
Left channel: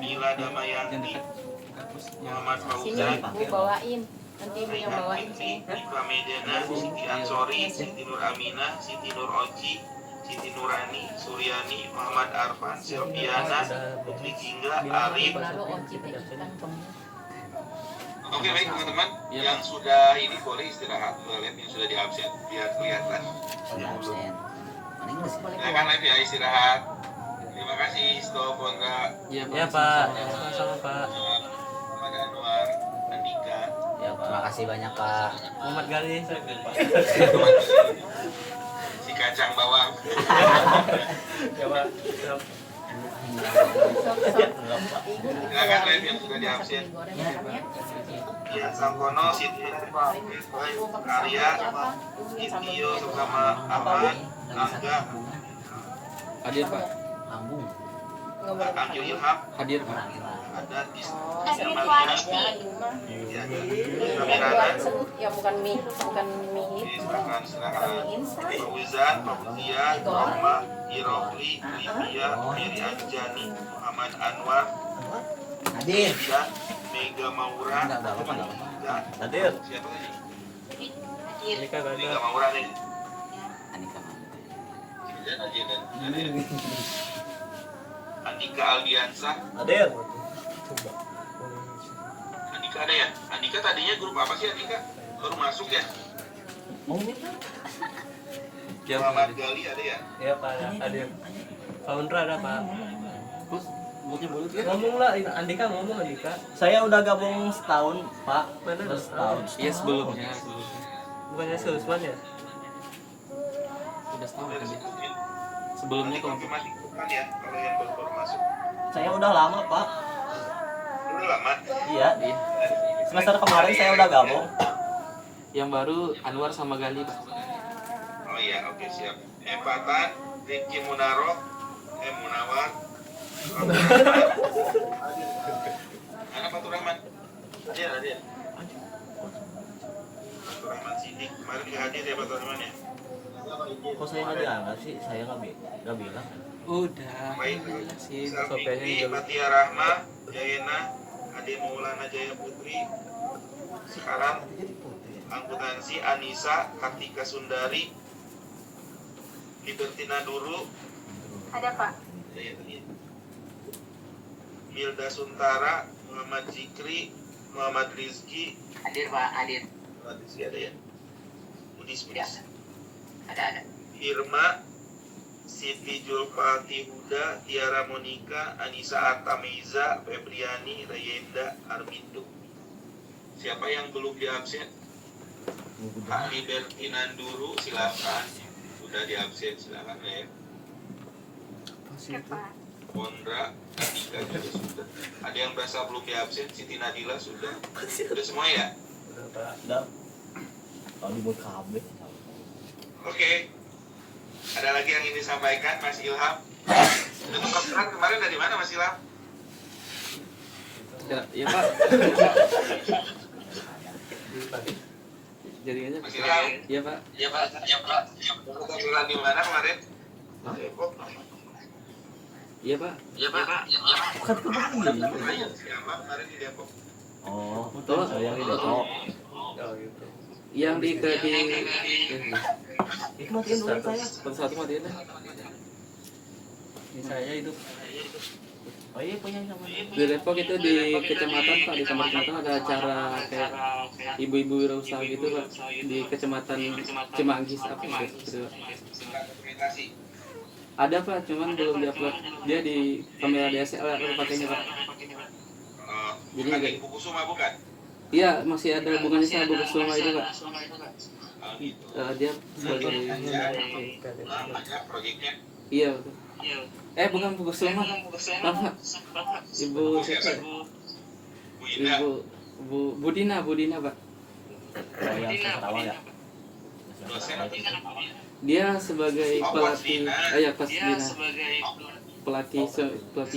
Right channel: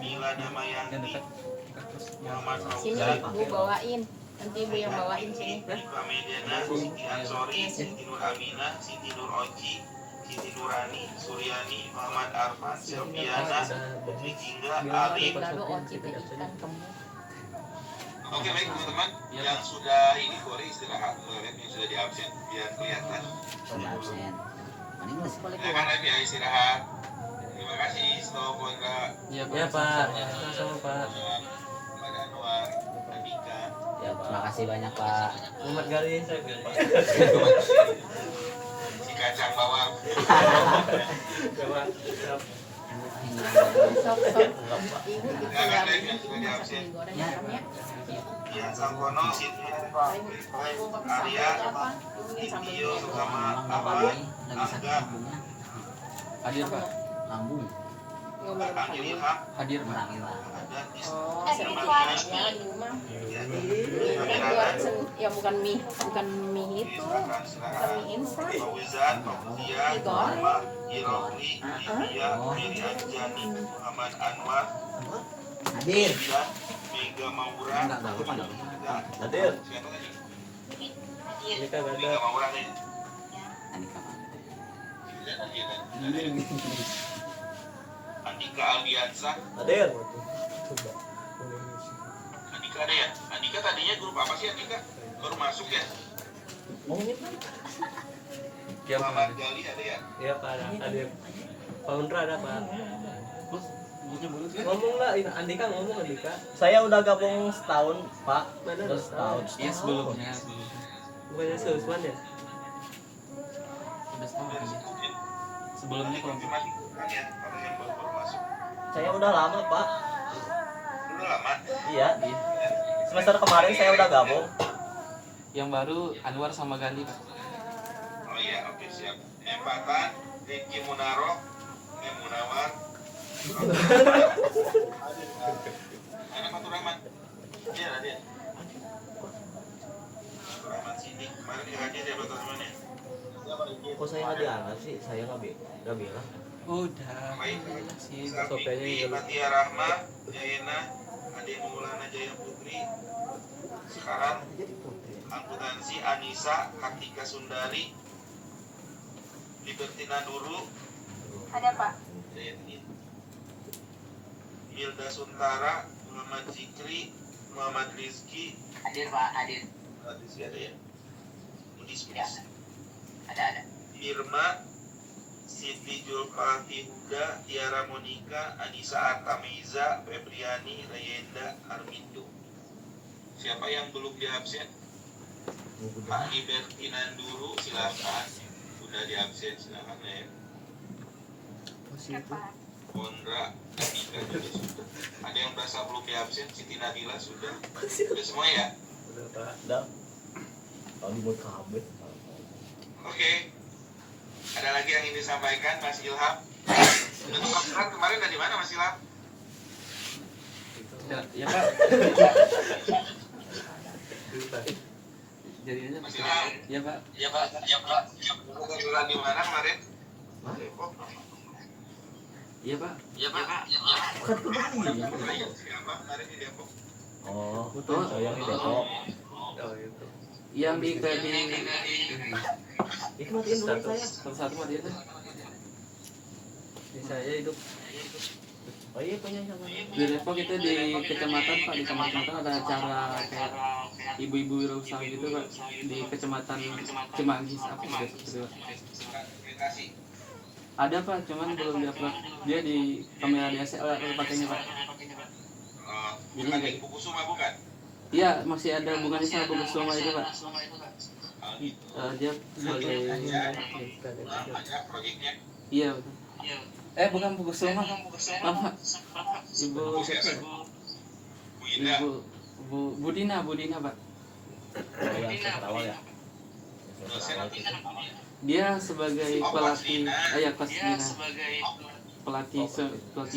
Mila Damayanti, Muhammad Sini Fauzan, Bu bawain. Nanti Ibu yang bawain sini. Iva Medana, Siti Ansori, Siti Nur Aminah, Siti Nur Oci, Siti Nurani, Suryani, Muhammad Arfan, Selviana, Putri Jingga, Arif. Lalu oci teh ikan kamu. Oke baik teman-teman, yang sudah ini boleh istirahat, boleh yang sudah di absen biar kelihatan. Sudah absen. Mana Inggris? Silakan live ya istirahat. Terima kasih Stop Wondra, Ya Pak, sama-sama Pak. Ada Anwar, Andika. Ya, terima kasih banyak Pak. Muhammad Gali, saya Pak. Si kacang bawang. Ya Pak. Siap. Silakan live yang sudah di absen. Yang Sangkono, Siti Arya, Intio sama Aman, Angga, hadir Pak. Lambung. Angel Ilham, Hadir Pak. Menangin lah. ada di Hadir Pak. Ya bukan mie hit, bukan silakan silakan. mie instan. Fauzan, Fauzia, Norma, Irofli, Livia, Miri Anjani, Muhammad Anwar, Hadir. Mega Maura. Enggak apa-apa, enggak apa-apa. Hadir. Siapa tadi? Ini kan ada Mega Maura nih. Anika Mama. Jangan aja dan. Andika Aldiansa. Hadir. coba. Andika ada ya? Andika tadinya grup apa sih Andika? Baru masuk ya? Muhammad Gali ada ya? Ya Pak, ada founder ada Pak. Terus mulutnya mulut ya? Ngomong lah, Andika ngomong Andika. Saya udah gabung setahun, Pak. Mana? Baru setahun. Iya sebelumnya. Bukannya si Usman ya? Udah setahun kan dia. Sebelumnya kalau Konfirmasi bukan ya? Kalau yang baru masuk. Saya udah lama, Pak. Udah lama? Iya. iya. Semester kemarin saya udah gabung. Yang baru Anwar sama Gandhi Pak. Oh iya, oke siap. Empatan, Ricky Munaro, Munawar. Mana Fatur Rahman? Ada. Fatur Rahman Sidik. Kemarin juga hadir ya Fatur Rahman ya? Kok saya nggak diangkat sih? Saya nggak bilang. Udah. Baik. Sih. Sopirnya Fikri, juga. Fatia Rahma, Jayena, Ade Maulana Jaya Putri. Sekarang akuntansi Anissa, Kartika Sundari, Libertina Duru, Ada Pak. Hilda Suntara, Muhammad Zikri, Muhammad Rizki. Hadir Pak, hadir. Muhammad Rizki ada ya? Udis. Ada. Irma, Siti Julfati Huda, Tiara Monika, Anissa Artameza, Febriani, Rayenda, Armindo. Siapa yang belum diabsen? Libertina Duru, silakan. Sudah diabsen, silakan ya. Ondra, Andika juga sudah. Ada yang berasa belum diabsen, Siti Nadila sudah. Sudah semua ya? Udah Pak. Udah. Kalau di KB. Oke. Ada lagi yang ingin disampaikan, Mas Ilham? Udah tempat kemarin dari mana Mas Ilham? Ya Pak. Jadi aja. Mas Ilham? Iya Pak. Tempat di mana kemarin? Depok. Iya Pak. Bukan kemarin. Siapa kemarin di Depok? Oh, betul. Saya di Depok. Oh gitu. Yang di Itu matiin dulu saya. satu mah dia. Di saya hidup Oh iya, punya sama. di Depok itu di kecamatan Pak, di kecamatan ada acara kayak ibu-ibu wirausaha gitu Pak, di kecamatan Cimanggis apa gitu. Dokumentasi. Ada Pak, cuman belum diupload. Dia di kamera DSLR pakainya Pak. Jadi Bukan agak- di buku Suma bukan? Iya, masih ada hubungannya sama buku selama itu Pak. Oh, gitu. Dia sebagai Ada proyeknya. iya betul. Bukan buku selama. Apa? Ibu siapa? Bu Indah. Ibu Budina Pak. Oh yang semester awal ya. Dosen. Dia sebagai Oh, pelatih, Wasdina. Pasdina. Pelatih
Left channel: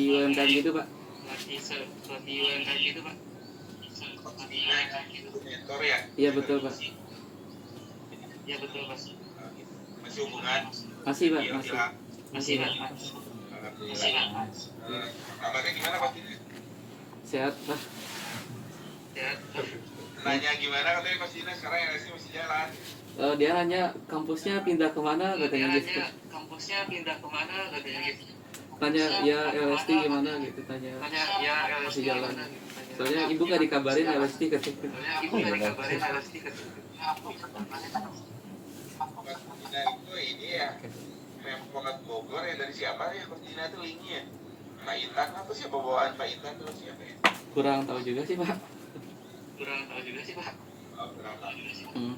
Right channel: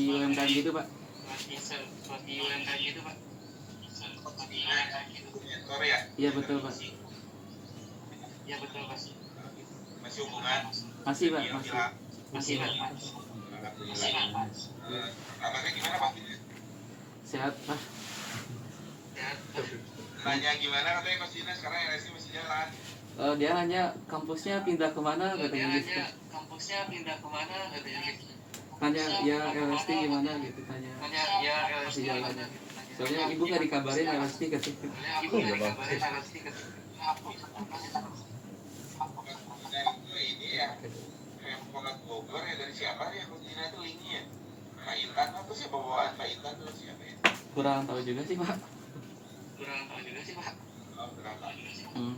UMKM gitu Pak. Mentor ya? Iya betul Pak. Masih hubungan? Masih Pak, Ilham. masih Pak. Alhamdulillah. Kabarnya gimana Pak? Sehat Pak. Nanya gimana katanya Mas Dina sekarang LSD masih jalan. Dia hanya kampusnya pindah kemana katanya gitu. Tanya ya LSD gimana gitu tanya. Masih jalan. Soalnya ibu gak dikabarin LSD katanya. Dina itu ini ya Pemkot Bogor ya, dari siapa ya Mas Dina itu linknya? Pak Intan apa sih bawaan Pak Intan itu siapa ya? Kurang tahu juga sih Pak. Oh, kurang tahu juga sih. Hmm.